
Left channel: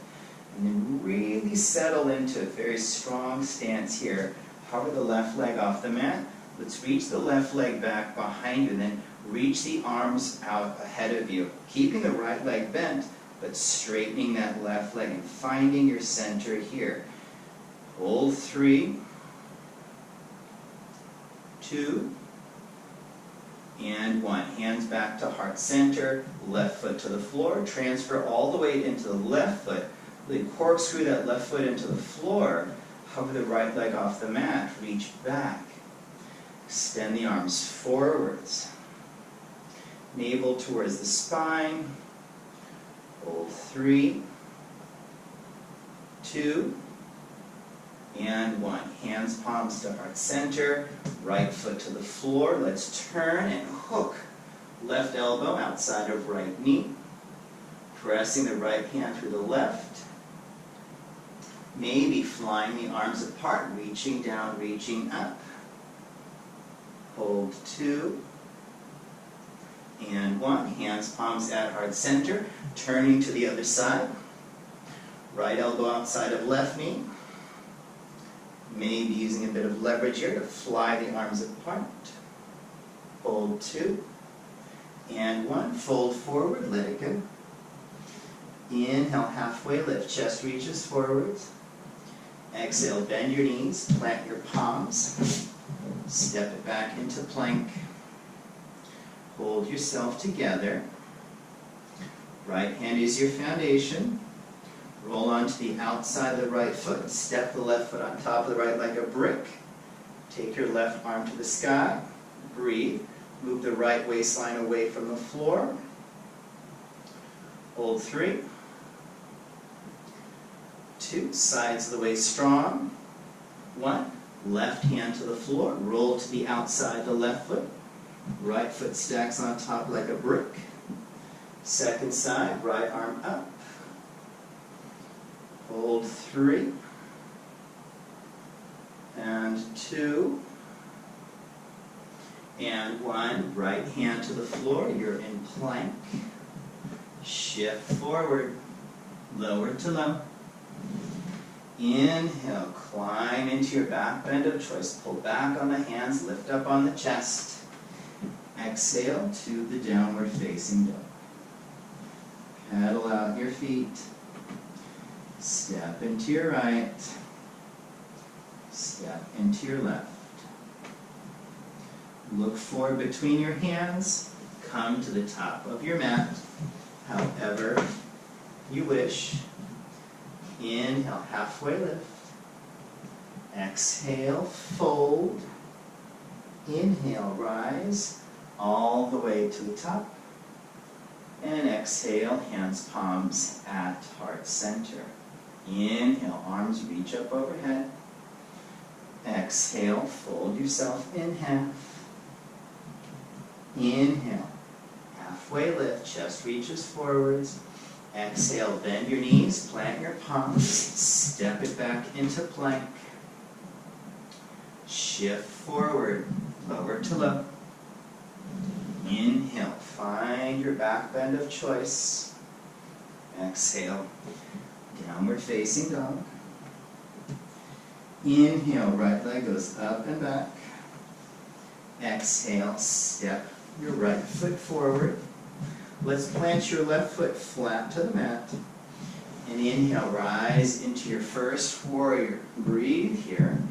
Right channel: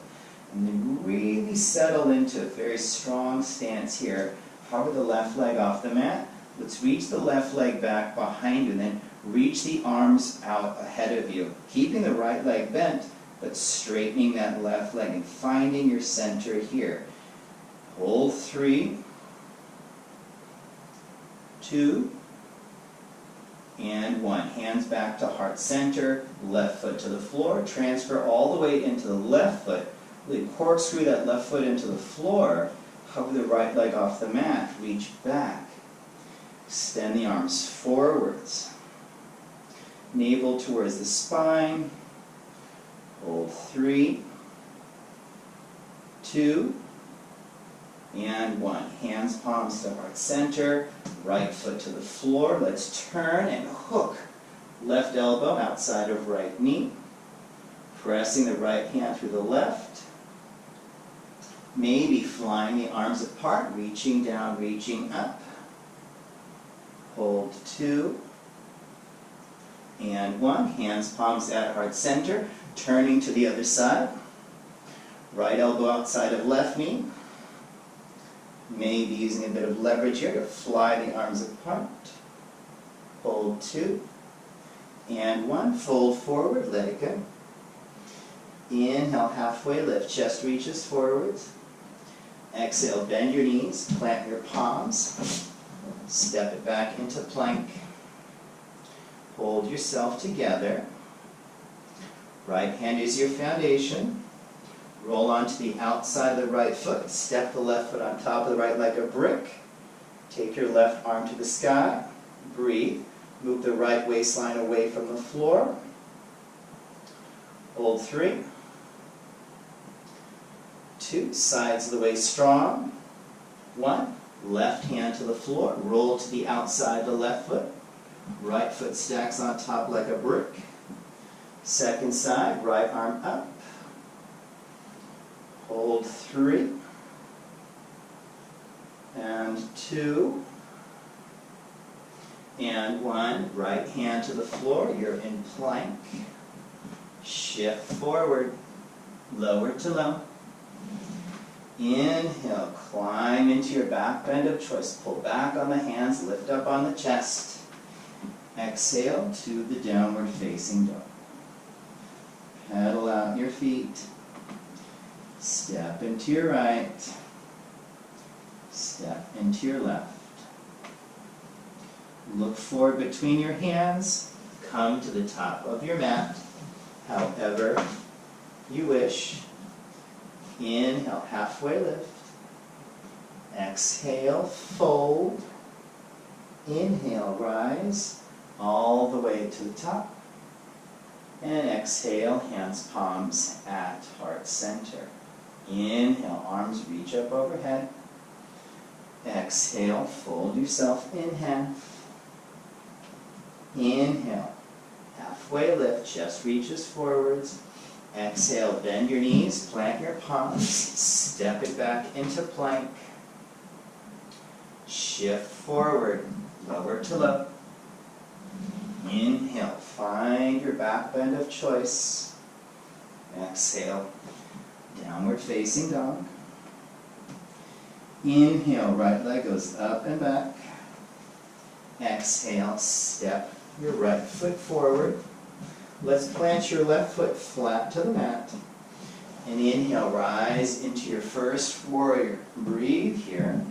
And then really settle into a very strong stance here. Hover the left leg off the mat. Let's reach the left leg back behind you. And then reach the arms out ahead of you. Keeping the right leg bent, but straightening that left leg and finding your center here. Hold 3, 2, and 1. Hands back to heart center, left foot to the floor. Transfer all the weight into the left foot. Really corkscrew that left foot into the floor. Hover the right leg off the mat. Reach back. Extend the arms forwards. Navel towards the spine. Hold 3, 2, and 1. Hands, palms to heart center. Right foot to the floor. Let's turn and hook. Left elbow outside of right knee. Pressing the right hand through the left. Maybe flying the arms apart, reaching down, reaching up. Hold 2 and 1. Hands, palms at heart center. Turning to the other side. Right elbow outside of left knee. Maybe using a bit of leverage here to fly the arms apart. Hold 2. And 1. Fold forward, let it go. Inhale, halfway lift, chest reaches forwards. Exhale, bend your knees, plant your palms. Step it back into plank. Hold yourself together. Right hand is your foundation. Roll onto the outside of the right foot. Step the left foot on top of the right like a brick. Take your left arm to the sky. Breathe. Move the right waistline away from the floor. Hold 3. 2. Sides of the waist strong. 1. Left hand to the floor. Roll to the outside of the left foot. Right foot stacks on top like a brick. Second side, right arm up. Hold 3. And 2. And 1. Right hand to the floor. You're in plank. Shift forward. Lower to low. Inhale, climb into your back bend of choice. Pull back on the hands, lift up on the chest. Exhale to the downward facing dog. Pedal out your feet. Step into your right. Step into your left. Look forward between your hands. Come to the top of your mat, however you wish. Inhale, halfway lift. Exhale, fold. Inhale, rise all the way to the top. And exhale, hands, palms at heart center. Inhale, arms reach up overhead. Exhale, fold yourself in half. Inhale, halfway lift, chest reaches forwards. Exhale, bend your knees, plant your palms, step it back into plank. Shift forward, lower to low. Inhale, find your back bend of choice. Exhale, downward facing dog. Inhale, right leg goes up and back. Exhale, step your right foot forward. Let's plant your left foot flat to the mat. And inhale, rise into your first warrior. Breathe here.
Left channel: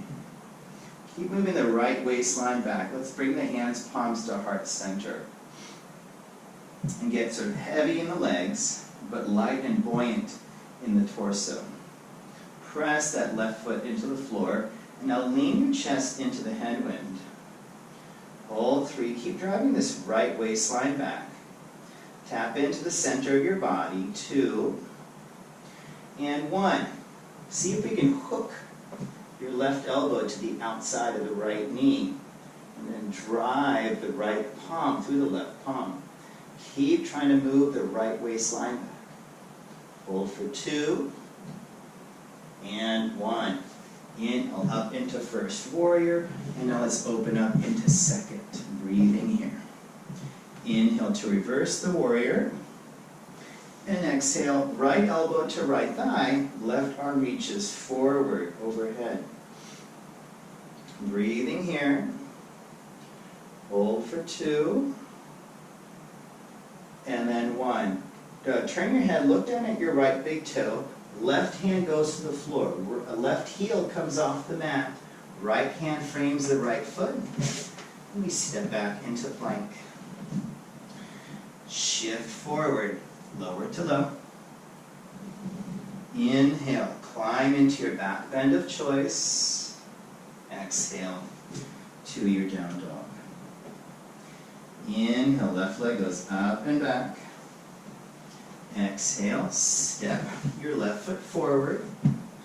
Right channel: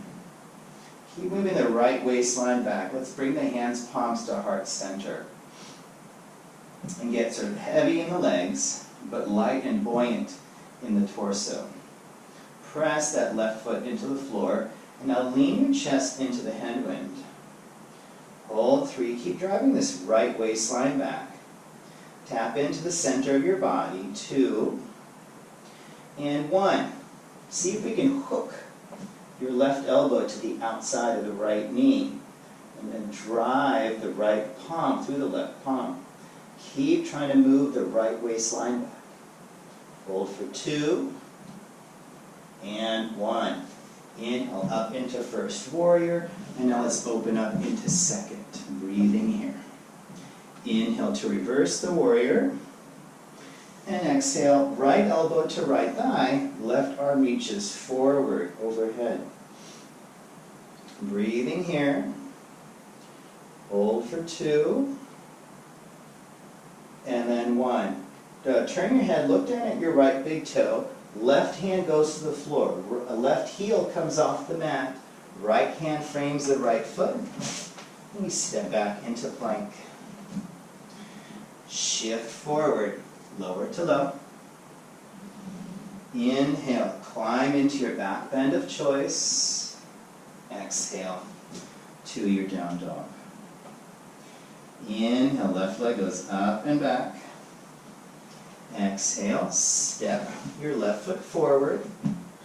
Keep moving the right waistline back. Let's bring the hands, palms to heart center. And get sort of heavy in the legs, but light and buoyant in the torso. Press that left foot into the floor. And now lean your chest into the headwind. Hold 3. Keep driving this right waistline back. Tap into the center of your body. 2. And 1. See if we can hook your left elbow to the outside of the right knee. And then drive the right palm through the left palm. Keep trying to move the right waistline back. Hold for 2. And 1. Inhale up into first warrior. And now let's open up into second. Breathing here. Inhale to reverse the warrior. And exhale, right elbow to right thigh. Left arm reaches forward, overhead. Breathing here. Hold for 2. And then 1. Turn your head, look down at your right big toe. Left hand goes to the floor. Left heel comes off the mat. Right hand frames the right foot. And we step back into plank. Shift forward, lower to low. Inhale, climb into your back bend of choice. Exhale to your down dog. Inhale, left leg goes up and back. Exhale, step your left foot forward.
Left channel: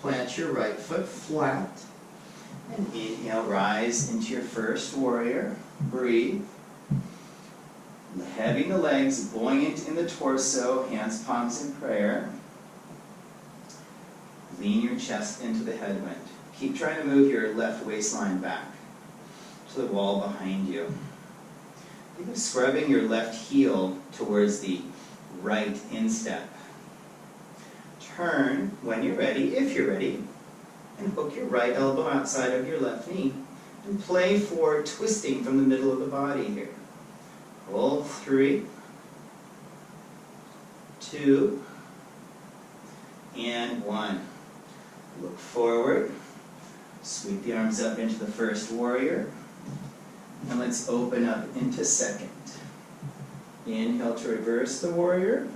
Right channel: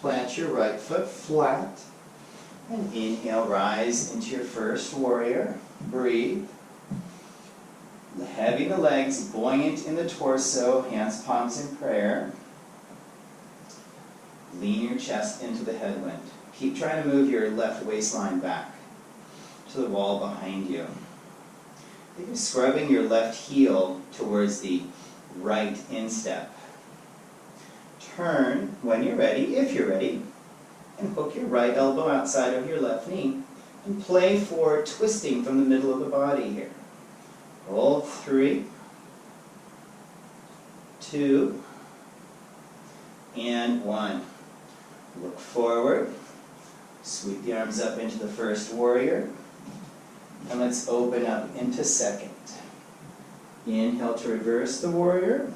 Plant your right foot flat. And inhale, rise into your first warrior. Breathe. Heavy in the legs, buoyant in the torso, hands, palms in prayer. Lean your chest into the headwind. Keep trying to move your left waistline back to the wall behind you. Think of scrubbing your left heel towards the right instep. Turn when you're ready, if you're ready. and hook your right elbow outside of your left knee, and play for twisting from the middle of the body here. Hold 3, 2, and 1. Look forward. Sweep the arms up into the first warrior. And let's open up into second. Inhale to reverse the warrior.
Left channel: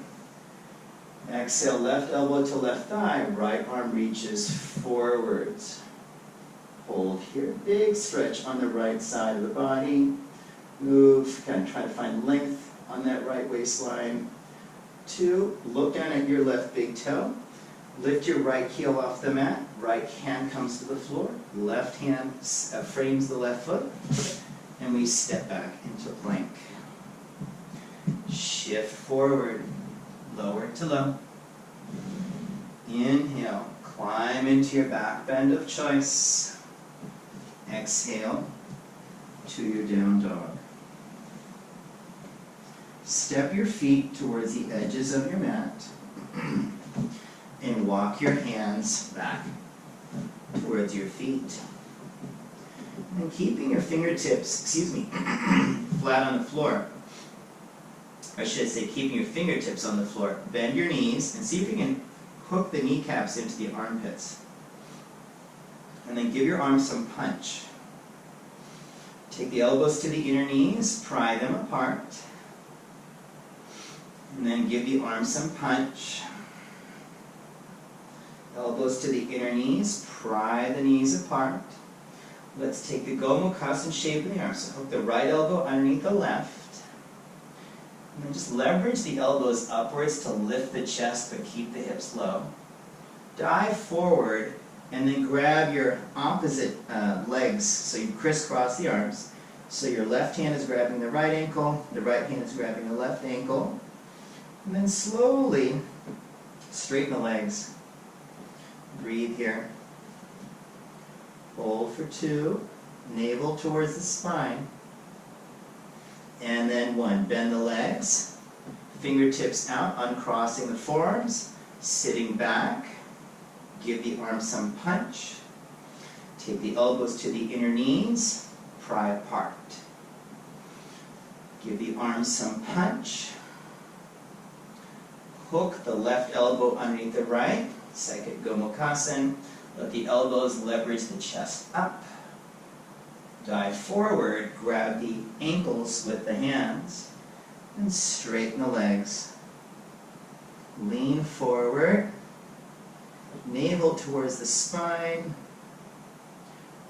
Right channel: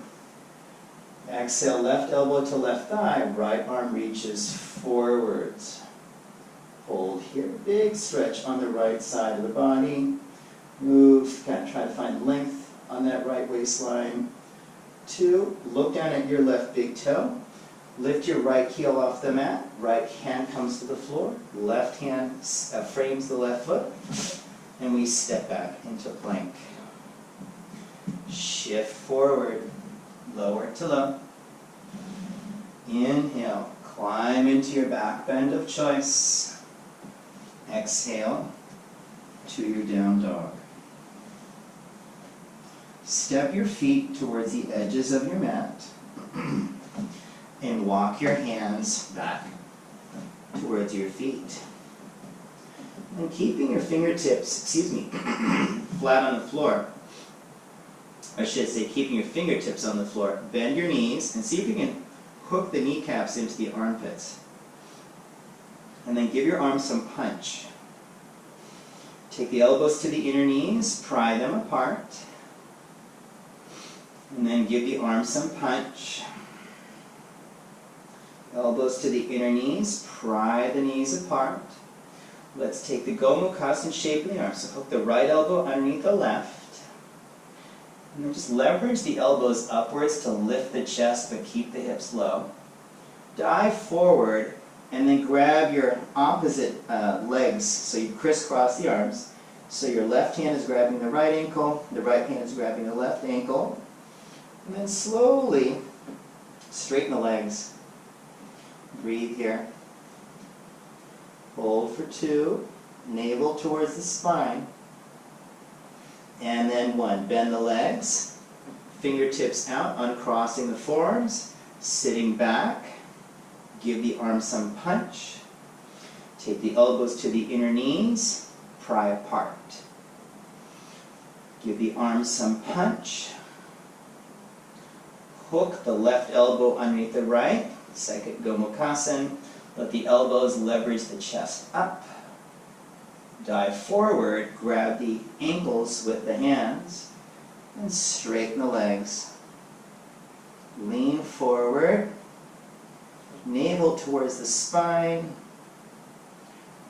Exhale, left elbow to left thigh. Right arm reaches forwards. Hold here. Big stretch on the right side of the body. Move. Kind of try to find length on that right waistline. 2, look down at your left big toe. Lift your right heel off the mat. Right hand comes to the floor. Left hand frames the left foot. And we step back into plank. Shift forward. Lower to low. Inhale. Climb into your back bend of choice. Exhale to your down dog. Step your feet towards the edges of your mat. And walk your hands back towards your feet. And keeping your fingertips, flat on the floor. I should say keeping your fingertips on the floor. Bend your knees and see if you can hook the kneecaps into the armpits. And then give your arms some punch. Take the elbows to the inner knees, pry them apart. And then give the arms some punch. Elbows to the inner knees, pry the knees apart. Let's take the Gomukhasana shape in the arms. So hook the right elbow underneath the left. And then just leverage the elbows upwards to lift the chest, but keep the hips low. Dive forward, and then grab your opposite legs. So you crisscross the arms. So your left hand is grabbing the right ankle, the right hand is grabbing the left ankle. And then slowly straighten the legs. Breathe here. Hold for 2. Navel towards the spine. And then 1. Bend the legs. Fingertips out, uncrossing the forearms. Sitting back. Give the arms some punch. Take the elbows to the inner knees. Pry apart. Give the arms some punch. Hook the left elbow underneath the right. Second Gomukhasana. Let the elbows leverage the chest up. Dive forward, grab the ankles with the hands, and straighten the legs. Lean forward, navel towards the spine.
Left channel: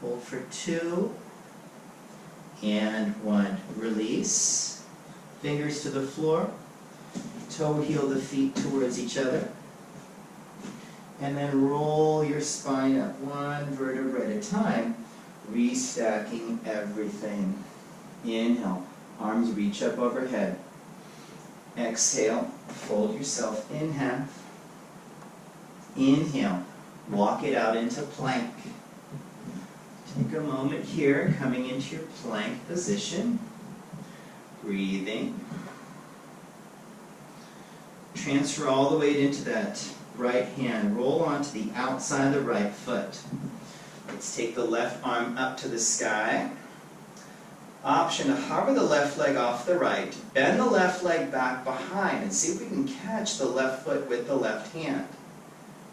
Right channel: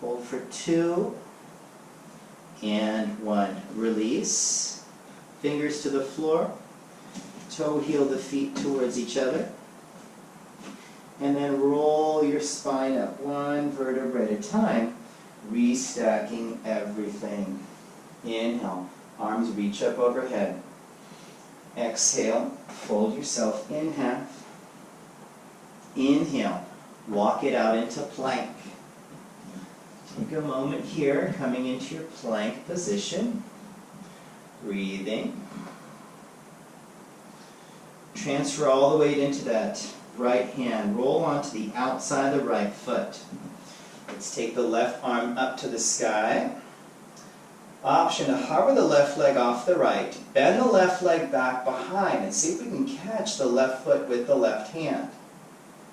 Hold for 2, and 1. Release. Fingers to the floor. Toe heel the feet towards each other. And then roll your spine up 1 vertebra at a time, restacking everything. Inhale, arms reach up overhead. Exhale, fold yourself in half. Inhale, walk it out into plank. Take a moment here, coming into your plank position. Breathing. Transfer all the weight into that right hand. Roll onto the outside of the right foot. Let's take the left arm up to the sky. Option to hover the left leg off the right. Bend the left leg back behind and see if we can catch the left foot with the left hand.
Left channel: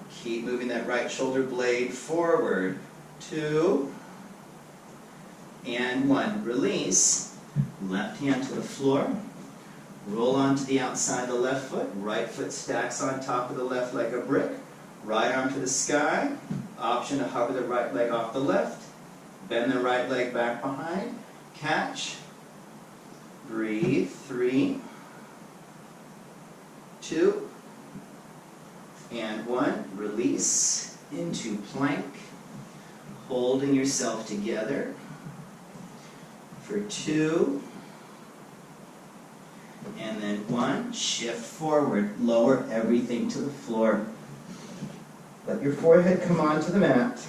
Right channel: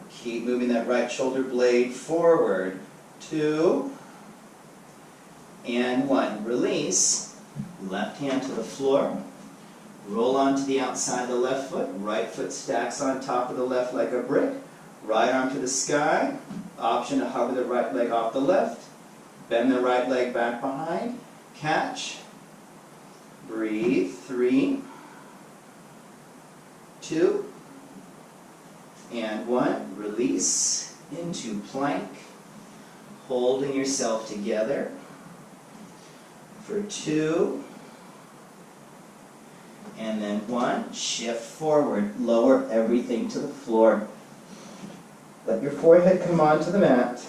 Keep moving that right shoulder blade forward. 2 and 1. Release. Left hand to the floor. Roll onto the outside of the left foot. Right foot stacks on top of the left like a brick. Right arm to the sky. Option to hover the right leg off the left. Bend the right leg back behind. Catch. Breathe. 3, 2, and 1. Release into plank. Holding yourself together for 2. And then 1, shift forward, lower everything to the floor. Let your forehead come onto the mat.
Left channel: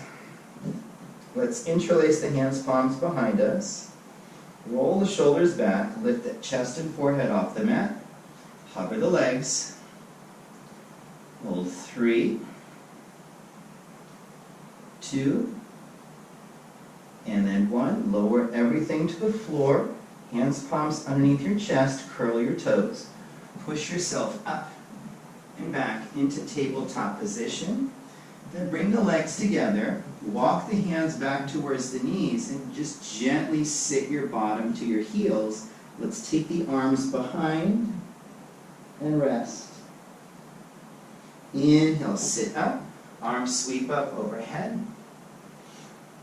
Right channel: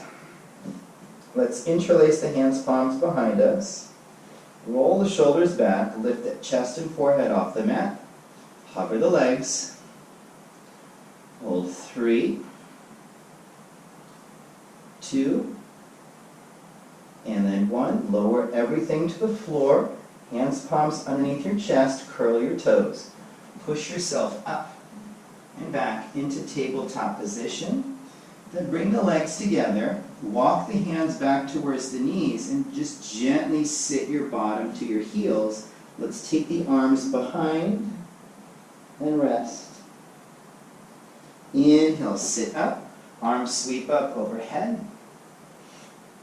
Let's interlace the hands, palms behind us. Roll the shoulders back, lift the chest and forehead off the mat. Hover the legs. Hold 3, 2, and then 1. Lower everything to the floor. Hands, palms underneath your chest. Curl your toes. Push yourself up and back into tabletop position. Then bring the legs together. Walk the hands back towards the knees and just gently sit your bottom to your heels. Let's take the arms behind and rest. Inhale, sit up. Arms sweep up overhead.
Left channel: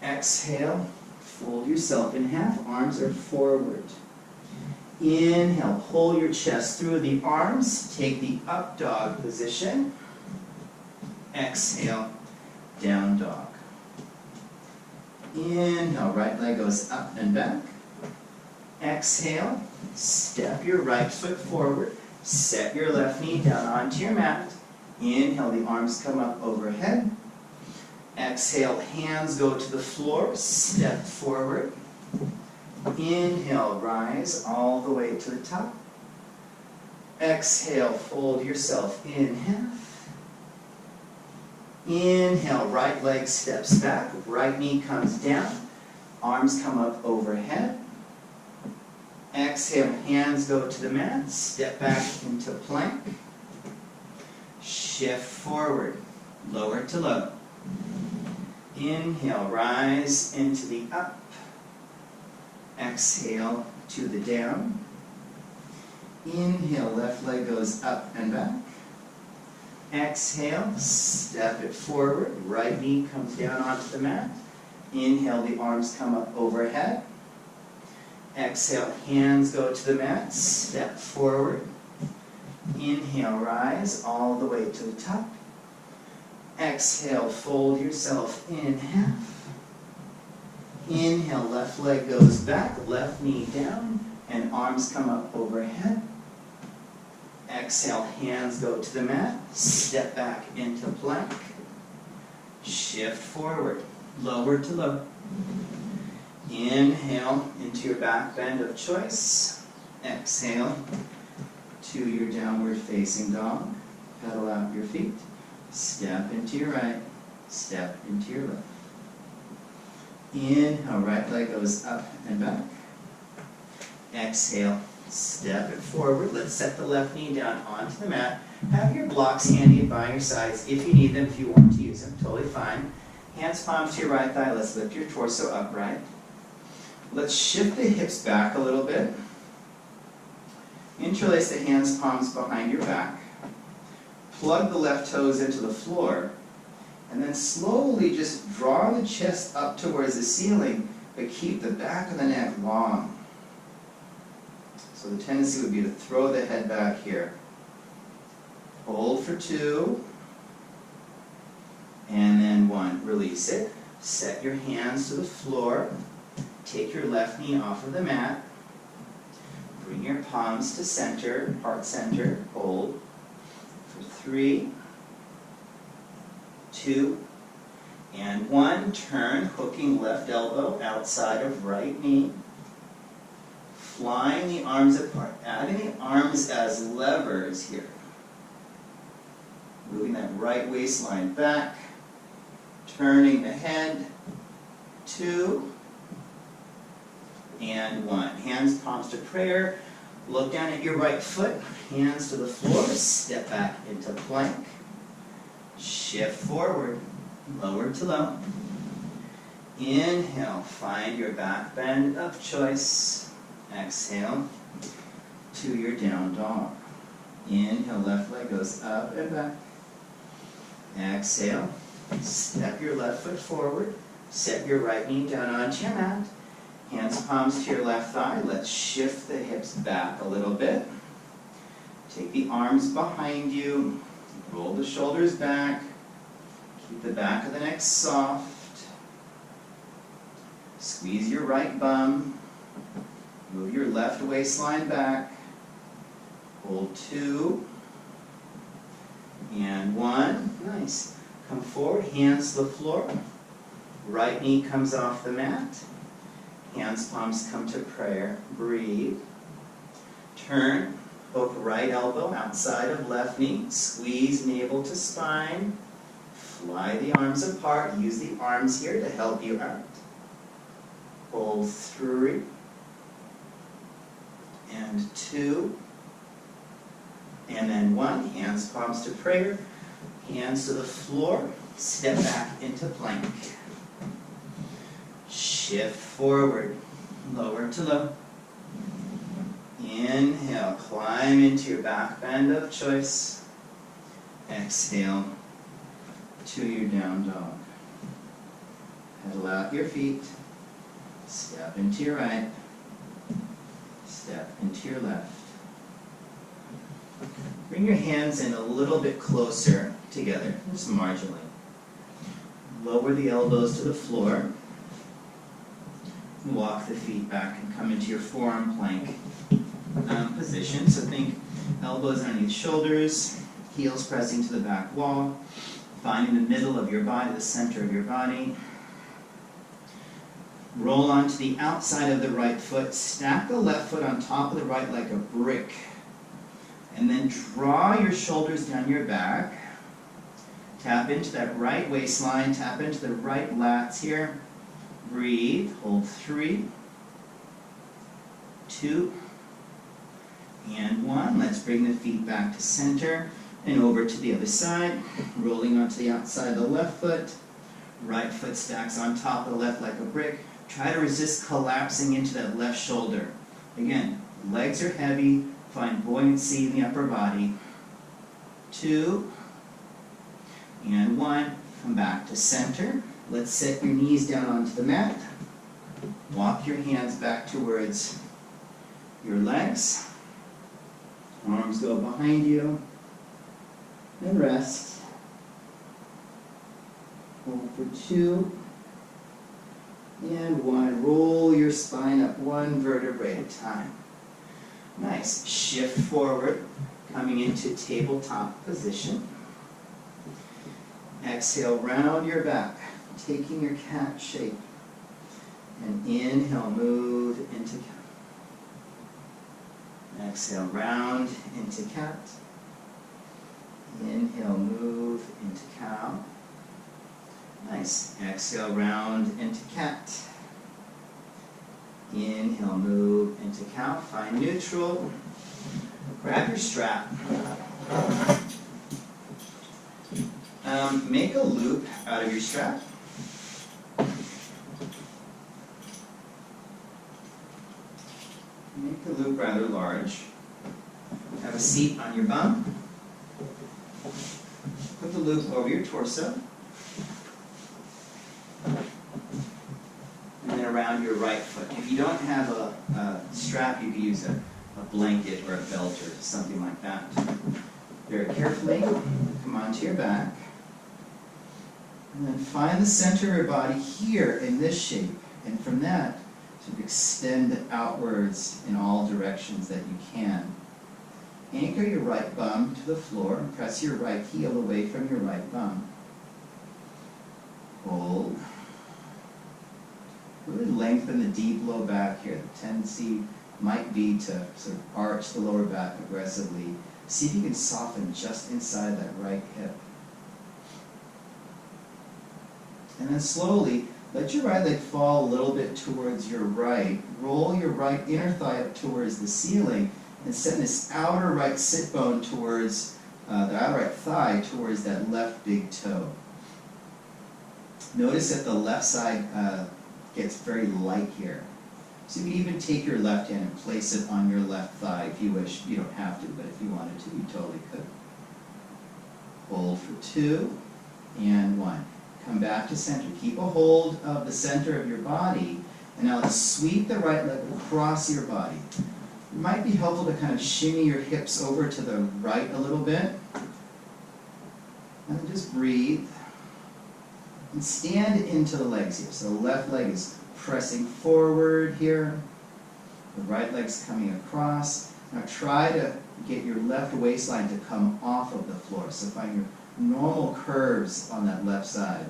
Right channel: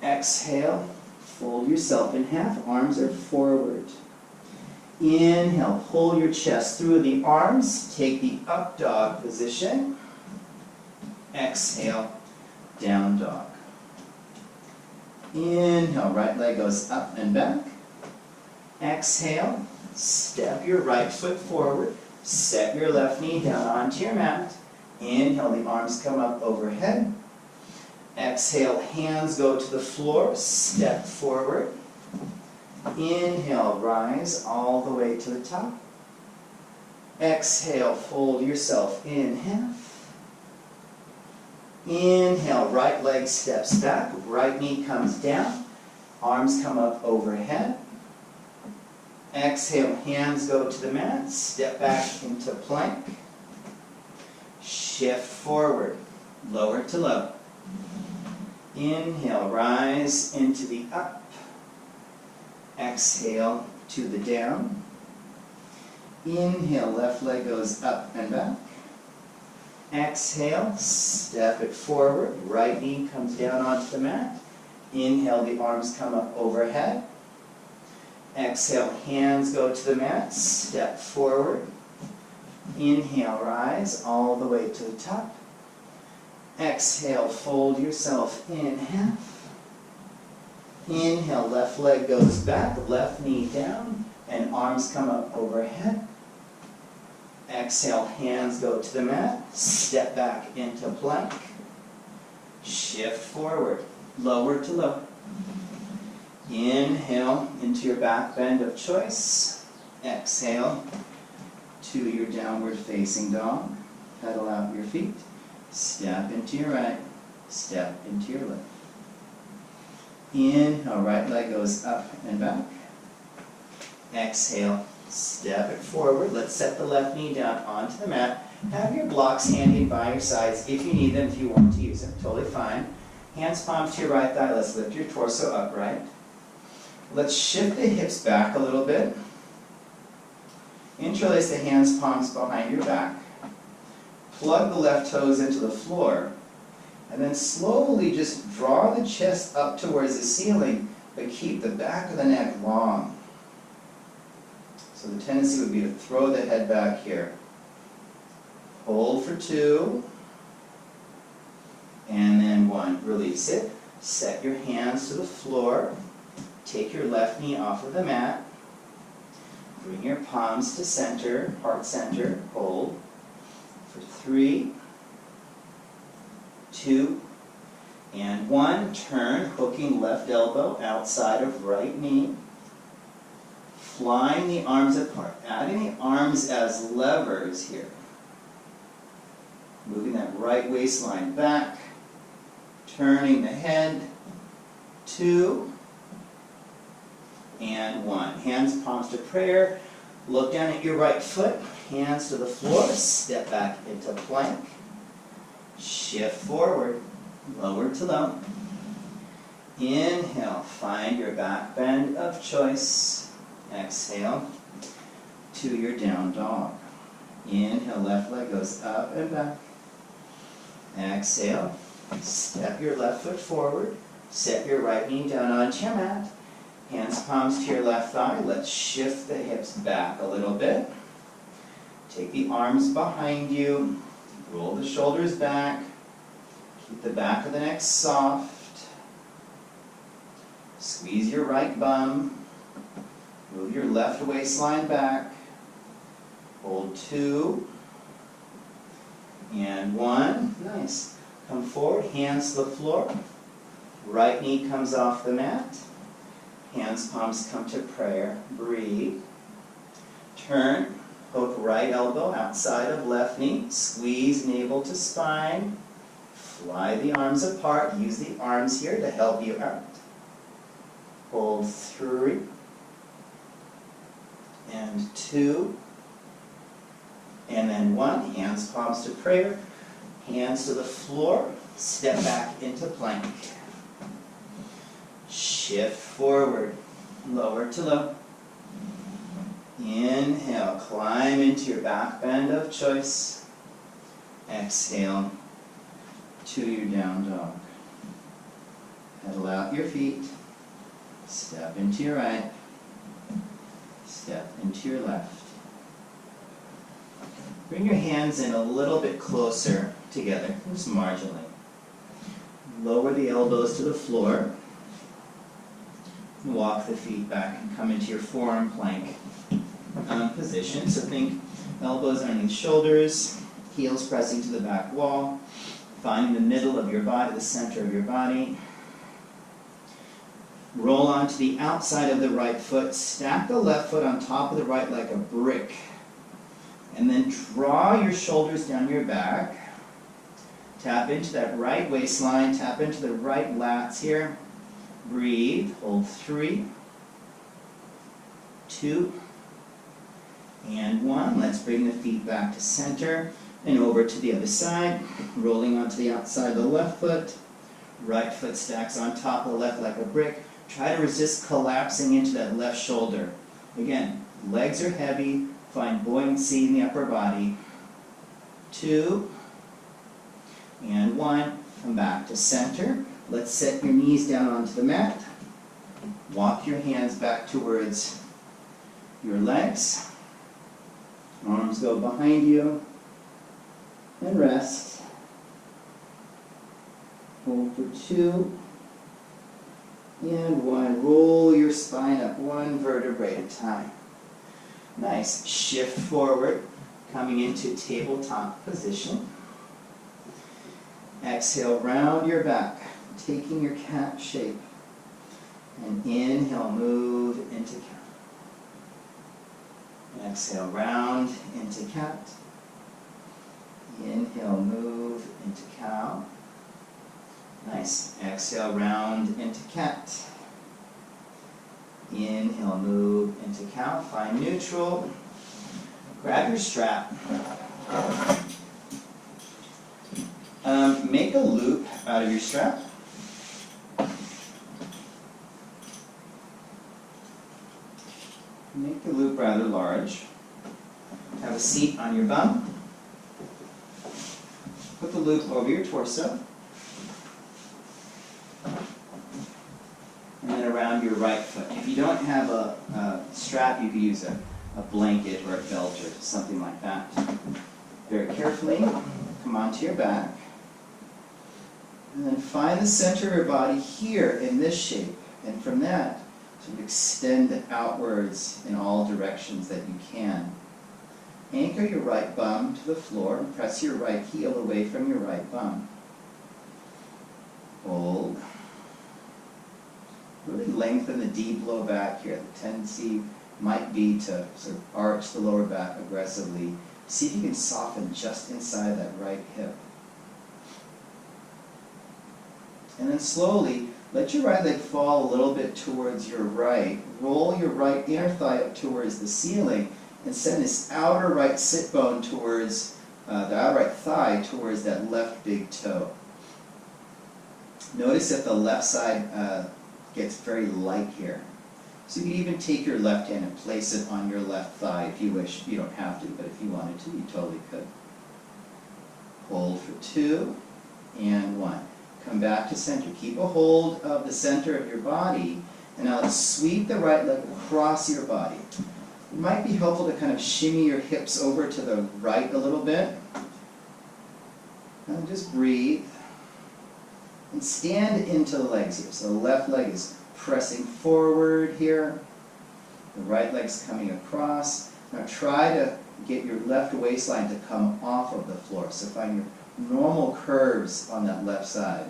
Exhale, fold yourself in half. Arms are forward. Inhale, pull your chest through the arms. Take the up dog position. Exhale, down dog. Inhale, right leg goes up and back. Exhale, step your right foot forward. Set your left knee down onto your mat. Inhale, the arms come up overhead. Exhale, hands go to the floor. Step forward. Inhale, rise all the way to the top. Exhale, fold yourself in half. Inhale, right leg steps back, right knee comes down, arms come up overhead. Exhale, hands go to the mat, step back into plank. Shift forward, lower to low. Inhale, rise into the up. Exhale to the down. Inhale, left leg goes up and back. Exhale, step it forward. Right knee comes down onto the mat. Inhale, the arms come up overhead. Exhale, hands go to the mat. Step forward. Inhale, rise all the way to the top. Exhale, fold yourself in half. Inhale, left leg goes back, left knee down, and arms come up overhead. Exhale, hands go to the mat, step back into plank. Shift forward, lower to low. Inhale into your back bend of choice. Exhale to your downward facing dog. Pedal out your feet. Step into your right, step into your left. Inhale, right leg goes up and back. Exhale, step it forward. Let's set the left knee down onto the mat. Have your blocks handy by your sides if you need them, if you want to use them. Totally fine. Hands palms to your right thigh. Let's lift your torso upright. Let's shift the hips back a little bit. Interlace the hands, palms behind your back. Plug the left toes into the floor. And then slowly just draw the chest up towards the ceiling, but keep the back of the neck long. So the tendency would be to throw the head back here. Hold for 2. And then 1. Release it. Set your hands to the floor. Take your left knee off of the mat. Bring your palms to center, heart center. Hold for 3, 2, and 1. Turn, hooking left elbow outside of right knee. Flying the arms apart. Adding the arms as levers here. Moving that right waistline back. Turning the head. 2, and 1. Hands, palms to prayer. Look down at your right foot. Hands to the floor. Step back into plank. Shift forward. Lower to low. Inhale. Find your back bend of choice. Exhale to your down dog. Inhale. Left leg goes up and back. Exhale. Step your left foot forward. Set your right knee down onto your mat. Hands, palms to your left thigh. Let's shift the hips back a little bit. Take the arms behind you. Roll the shoulders back. Keep the back of the neck soft. Squeeze your right bum. Move your left waistline back. Hold 2. And 1. Nice. Come forward, hands to the floor. Right knee comes off the mat. Hands, palms come to prayer. Breathe. Turn. Hook right elbow outside of left knee. Squeeze navel to spine. Fly the arms apart. Use the arms here to help you out. Hold 3 and 2 and then 1. Hands, palms to prayer. Hands to the floor. Step back into plank. Shift forward. Lower to low. Inhale. Climb into your back bend of choice. Exhale to your down dog. Pedal out your feet. Step into your right. Step into your left. Bring your hands in a little bit closer together, just marginally. Lower the elbows to the floor. Walk the feet back and come into your forearm plank position. So think elbows underneath shoulders, heels pressing to the back wall. Finding the middle of your body, the center of your body. Roll onto the outside of the right foot. Stack the left foot on top of the right like a brick. And then draw your shoulders down your back. Tap into that right waistline. Tap into the right lats here. Breathe. Hold 3, 2, and 1. Let's bring the feet back to center and over to the other side. Rolling onto the outside of the left foot. Right foot stacks on top of the left like a brick. Try to resist collapsing into that left shoulder. Again, legs are heavy. Find buoyancy in the upper body. 2 and 1. Come back to center. Let's set your knees down onto the mat. Walk your hands back towards your legs. Arms go behind you. And rest. Hold for 2 and 1. Roll your spine up 1 vertebrae at a time. Nice. Shift forward, coming into tabletop position. Exhale, round your back, taking your cat shape. And inhale, move into cat. Exhale, round into cat. Inhale, move into cow. Nice. Exhale, round into cat. Inhale, move into cow. Find neutral. Grab your strap. Make a loop out of your strap. Make the loop rather large. Have a seat on your bum. Put the loop over your torso. And then around your right foot. If you don't have a strap, you could use a blanket or a belt or something like that. Very carefully, come onto your back. And then find the center of your body here in this shape. And from that, sort of extend outwards in all directions that you can. Anchor your right bum to the floor and press your right heel away from your right bum. Hold. Really lengthen the deep low back here. The tendency might be to sort of arch the lower back aggressively. See if you can soften just inside that right hip. And then slowly, let your right leg fall a little bit towards your right. Roll your right inner thigh up towards the ceiling and send this outer right sit bone towards, the outer right thigh towards that left big toe. Notice that the left side gets very light here. So you can even take your left hand and place it on your left thigh if you wish. You don't have to, but if you wanted to, you totally could. Hold for 2 and 1. Come back to center. Keep a hold of the center of your body, and now let's sweep the right leg across your body. It might be helpful to kind of shimmy your hips over to the right a little bit. And then just breathe. And stand into the legs here. So the left leg is pressing forward here. The right leg's coming across. Now try to get your left waistline to come off of the floor. So find your normal curves on that left side.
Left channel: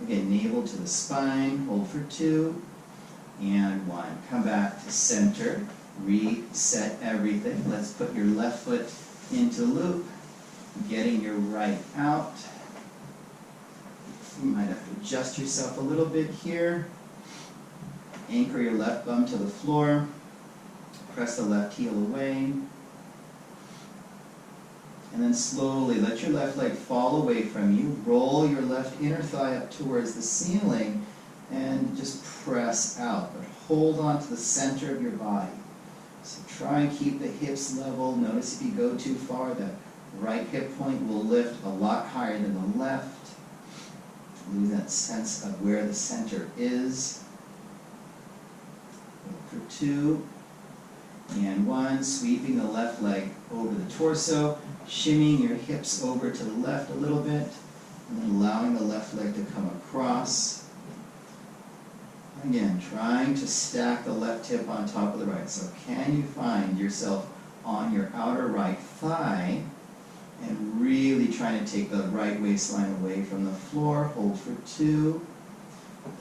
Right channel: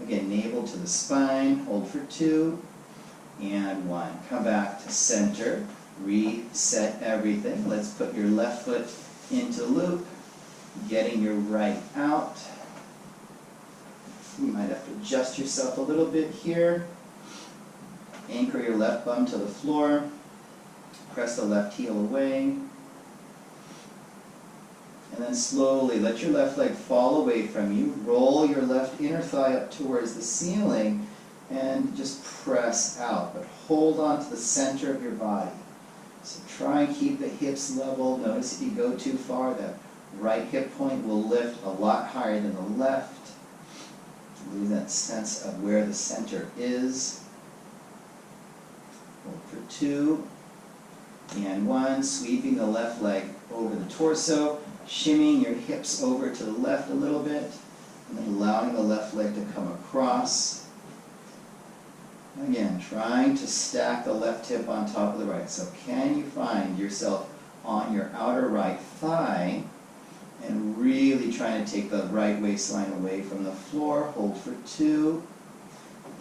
Again, navel to the spine. Hold for 2 and 1. Come back to center. Reset everything. Let's put your left foot into loop. Getting your right out. You might have to adjust yourself a little bit here. Anchor your left bum to the floor. Press the left heel away. And then slowly let your left leg fall away from you. Roll your left inner thigh up towards the ceiling and just press out. But hold on to the center of your body. So try and keep the hips level. Notice if you go too far, that right hip point will lift a lot higher than the left. Lose that sense of where the center is. Hold for 2 and 1. Sweeping the left leg over the torso. Shimmying your hips over to the left a little bit. And then allowing the left leg to come across. Again, trying to stack the left hip on top of the right. So can you find yourself on your outer right thigh and really trying to take the right waistline away from the floor. Hold for 2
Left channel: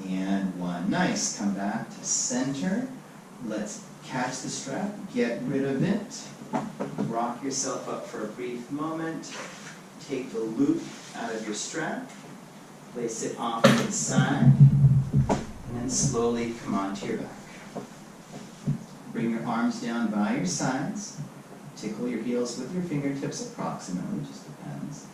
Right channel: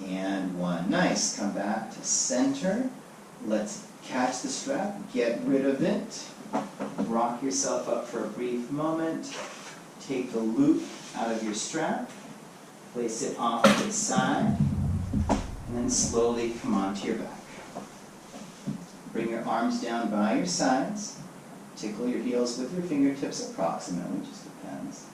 and 1. Nice. Come back to center. Let's catch the strap. Get rid of it. Rock yourself up for a brief moment. Take the loop out of your strap. Place it off to the side. And then slowly come onto your back. Bring your arms down by your sides. Tickle your heels with your fingertips approximately, just depends.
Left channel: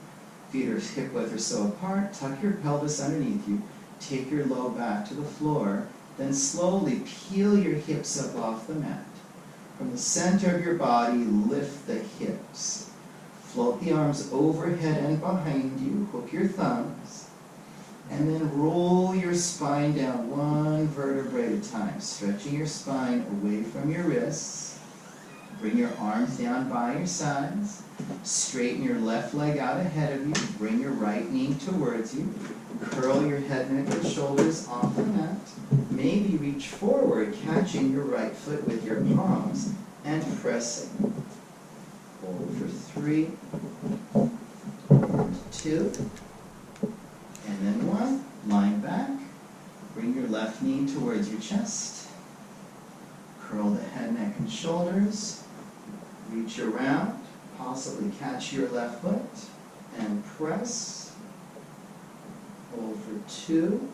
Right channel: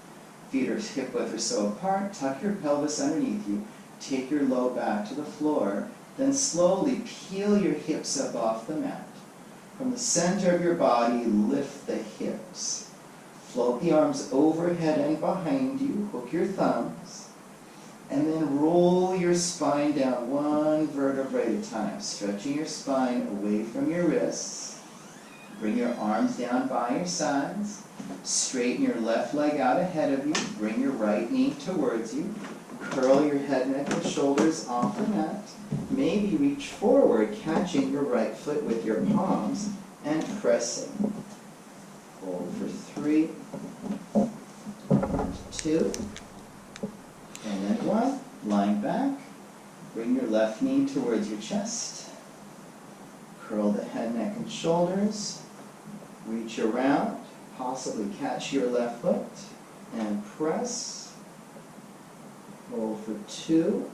Feet are hip width or so apart. Tuck your pelvis underneath you. Take your low back to the floor. Then slowly peel your hips up off the mat. From the center of your body, lift the hips. Float the arms overhead and behind you. Hook your thumbs. And then roll your spine down 1 vertebrae at a time. Stretching your spine away from your wrists. Bring your arms down by your sides. Straighten your left leg out ahead of you. Bring your right knee towards you. Curl your head, neck, and shoulders off the mat. Maybe reach forward, catching your right foot with your palms and pressing. Hold for 3 and 2 and then 1. Lying back. Bring your left knee towards your chest. Curl the head, neck, and shoulders. Reach around, possibly catch your left foot, and press. Hold for 2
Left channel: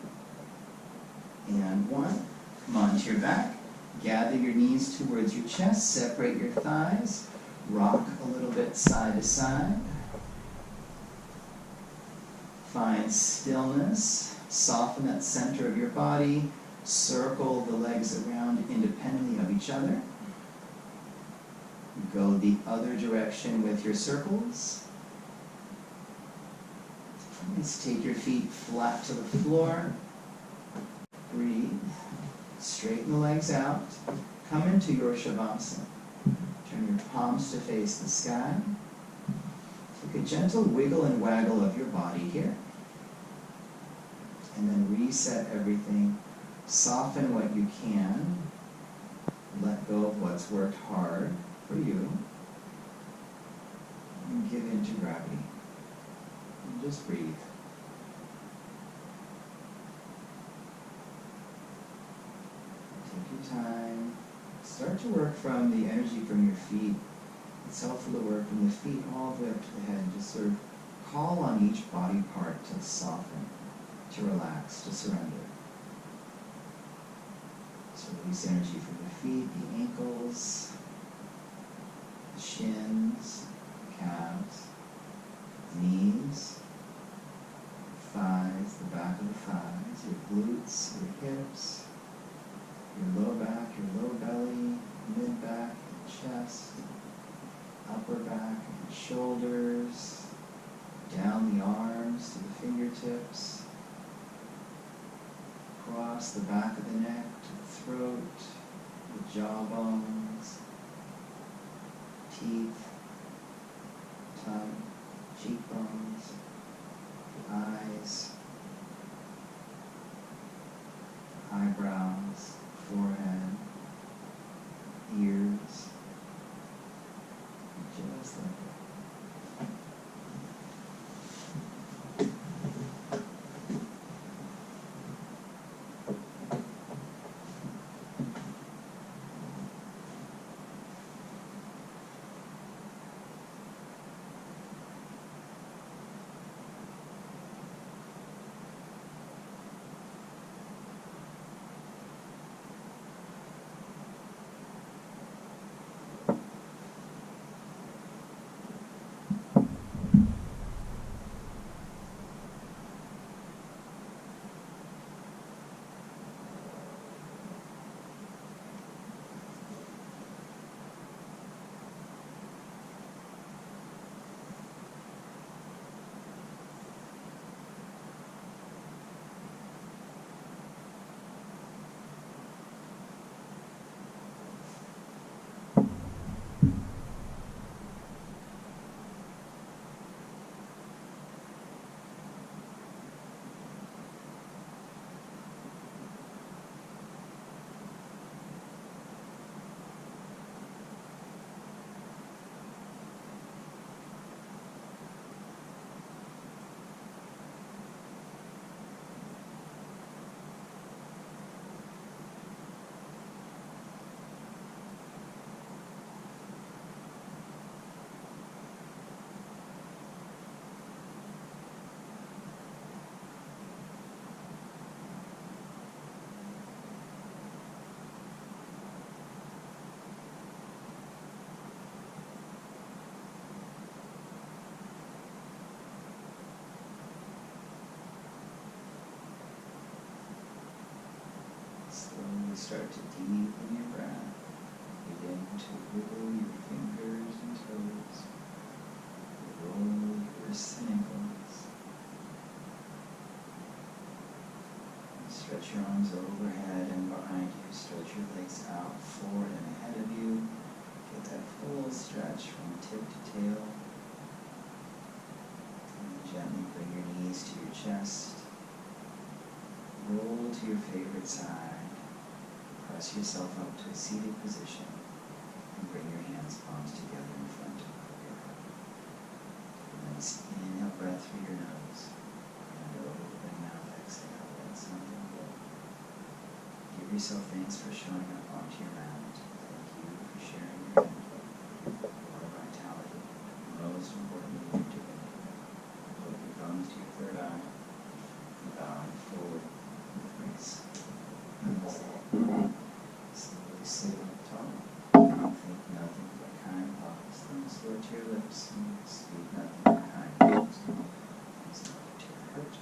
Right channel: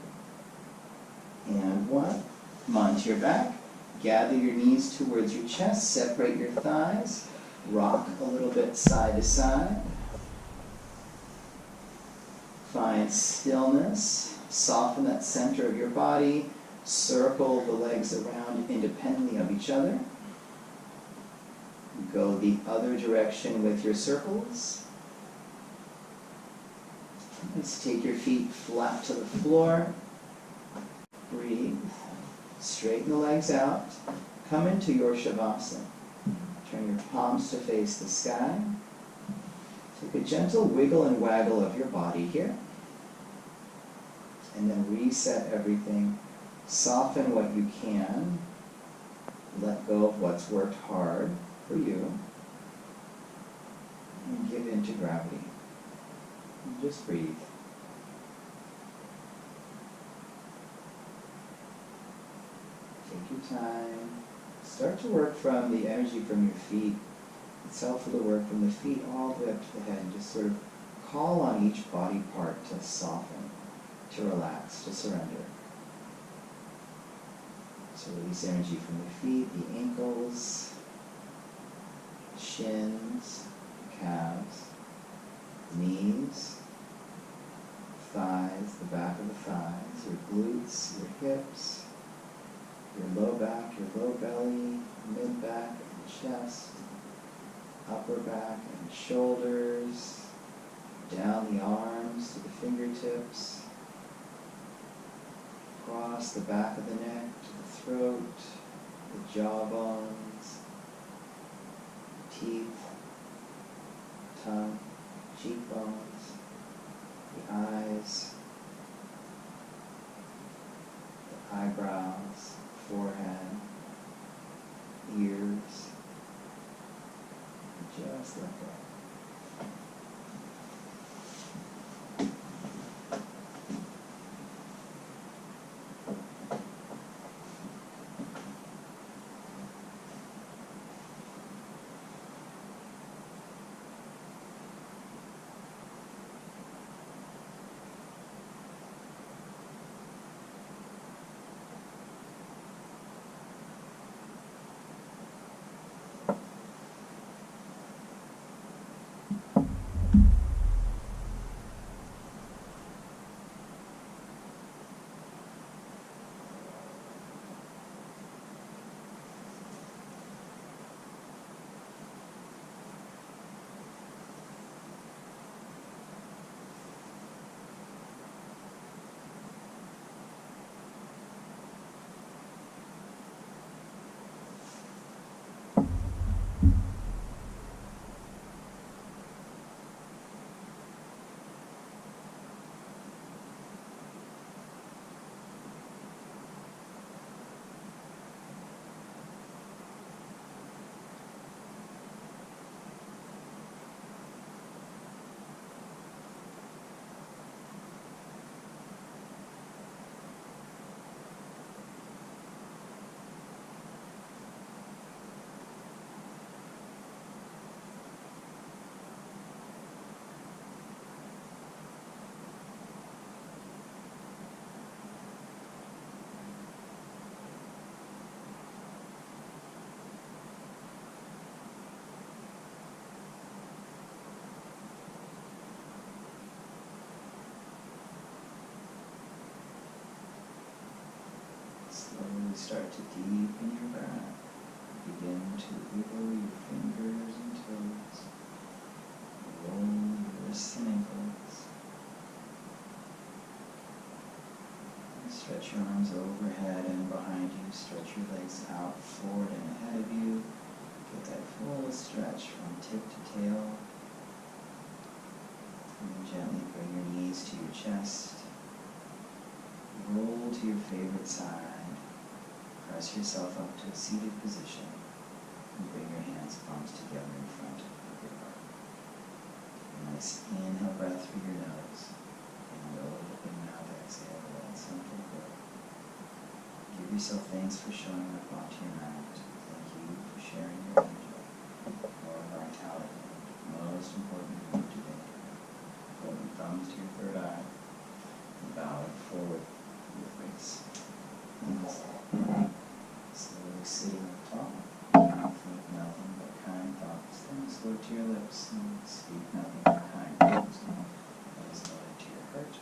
and 1. Come onto your back. Gather your knees towards your chest. Separate your thighs. Rock a little bit side to side. Find stillness. Soften that center of your body. Circle the legs around independently of each other. Go the other direction with your circles. Let's take your feet flat to the floor. Breathe. Straighten the legs out. Come into your Shavasana. Turn your palms to face the sky. Take a gentle wiggle and waggle of your body here. And then reset everything. Soften what you can. Let go of what's worked hard for you. And give in to gravity. And just breathe. Take your time. Start to work from the energy from your feet. It's helpful to work from the feet all the way up to the head and just sort of call on each body part to soften, to relax, to surrender. So release energy from the feet, the ankles, the shins, the calves, the knees, thighs, the back of the thighs, your glutes, your hips, your low back, your low belly, mid back and chest, upper back and shoulders, down the arms to the fingertips, across the back of the neck to the throat, the jaw bones, teeth, tongue, cheekbones, the eyes, the eyebrows, forehead, ears, and just let go. start to deepen your breath. Begin to wiggle your fingers and toes. Roll your wrists and ankles. And stretch your arms overhead and behind you. Stretch your legs out, forward and ahead of you. Get that full stretch from tip to tail. And gently bring your knees to your chest. Roll to your favorite side. Press yourself up to a seated position and bring your hands, palms together in front of your heart. Take a nice inhale breath through your nose and open mouth exhale. Let something go. Give yourself thanks for showing up onto your mat. Thank you for sharing your energy, your vitality, and most importantly, your divinity. Put your thumbs to your third eye and bowing forward with grace. Namaste. Slowly sitting up tall. Think nothing but kind thoughts. Thumbs lower to your lips. Speak nothing but kind words. Thumbs lower to your heart.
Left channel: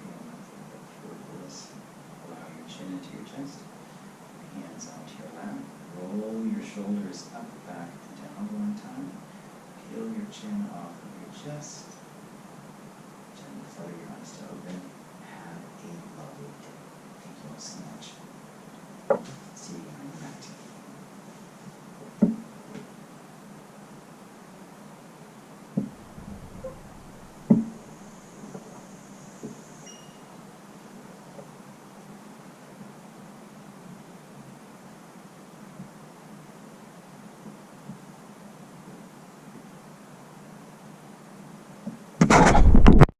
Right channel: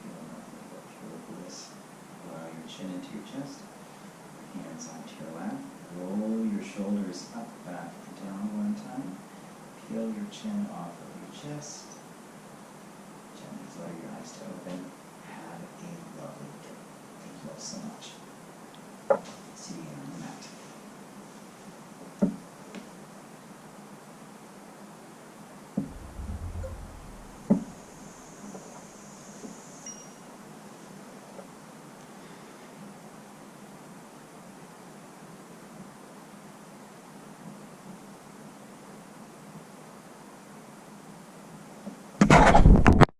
Feel nothing but pure bliss. Allow your chin into your chest. Your hands onto your lap. Roll your shoulders up, back, and down one time. Peel your chin off of your chest. Gently flutter your eyes to open. Have a lovely day. Thank you all so much. See you on your mat.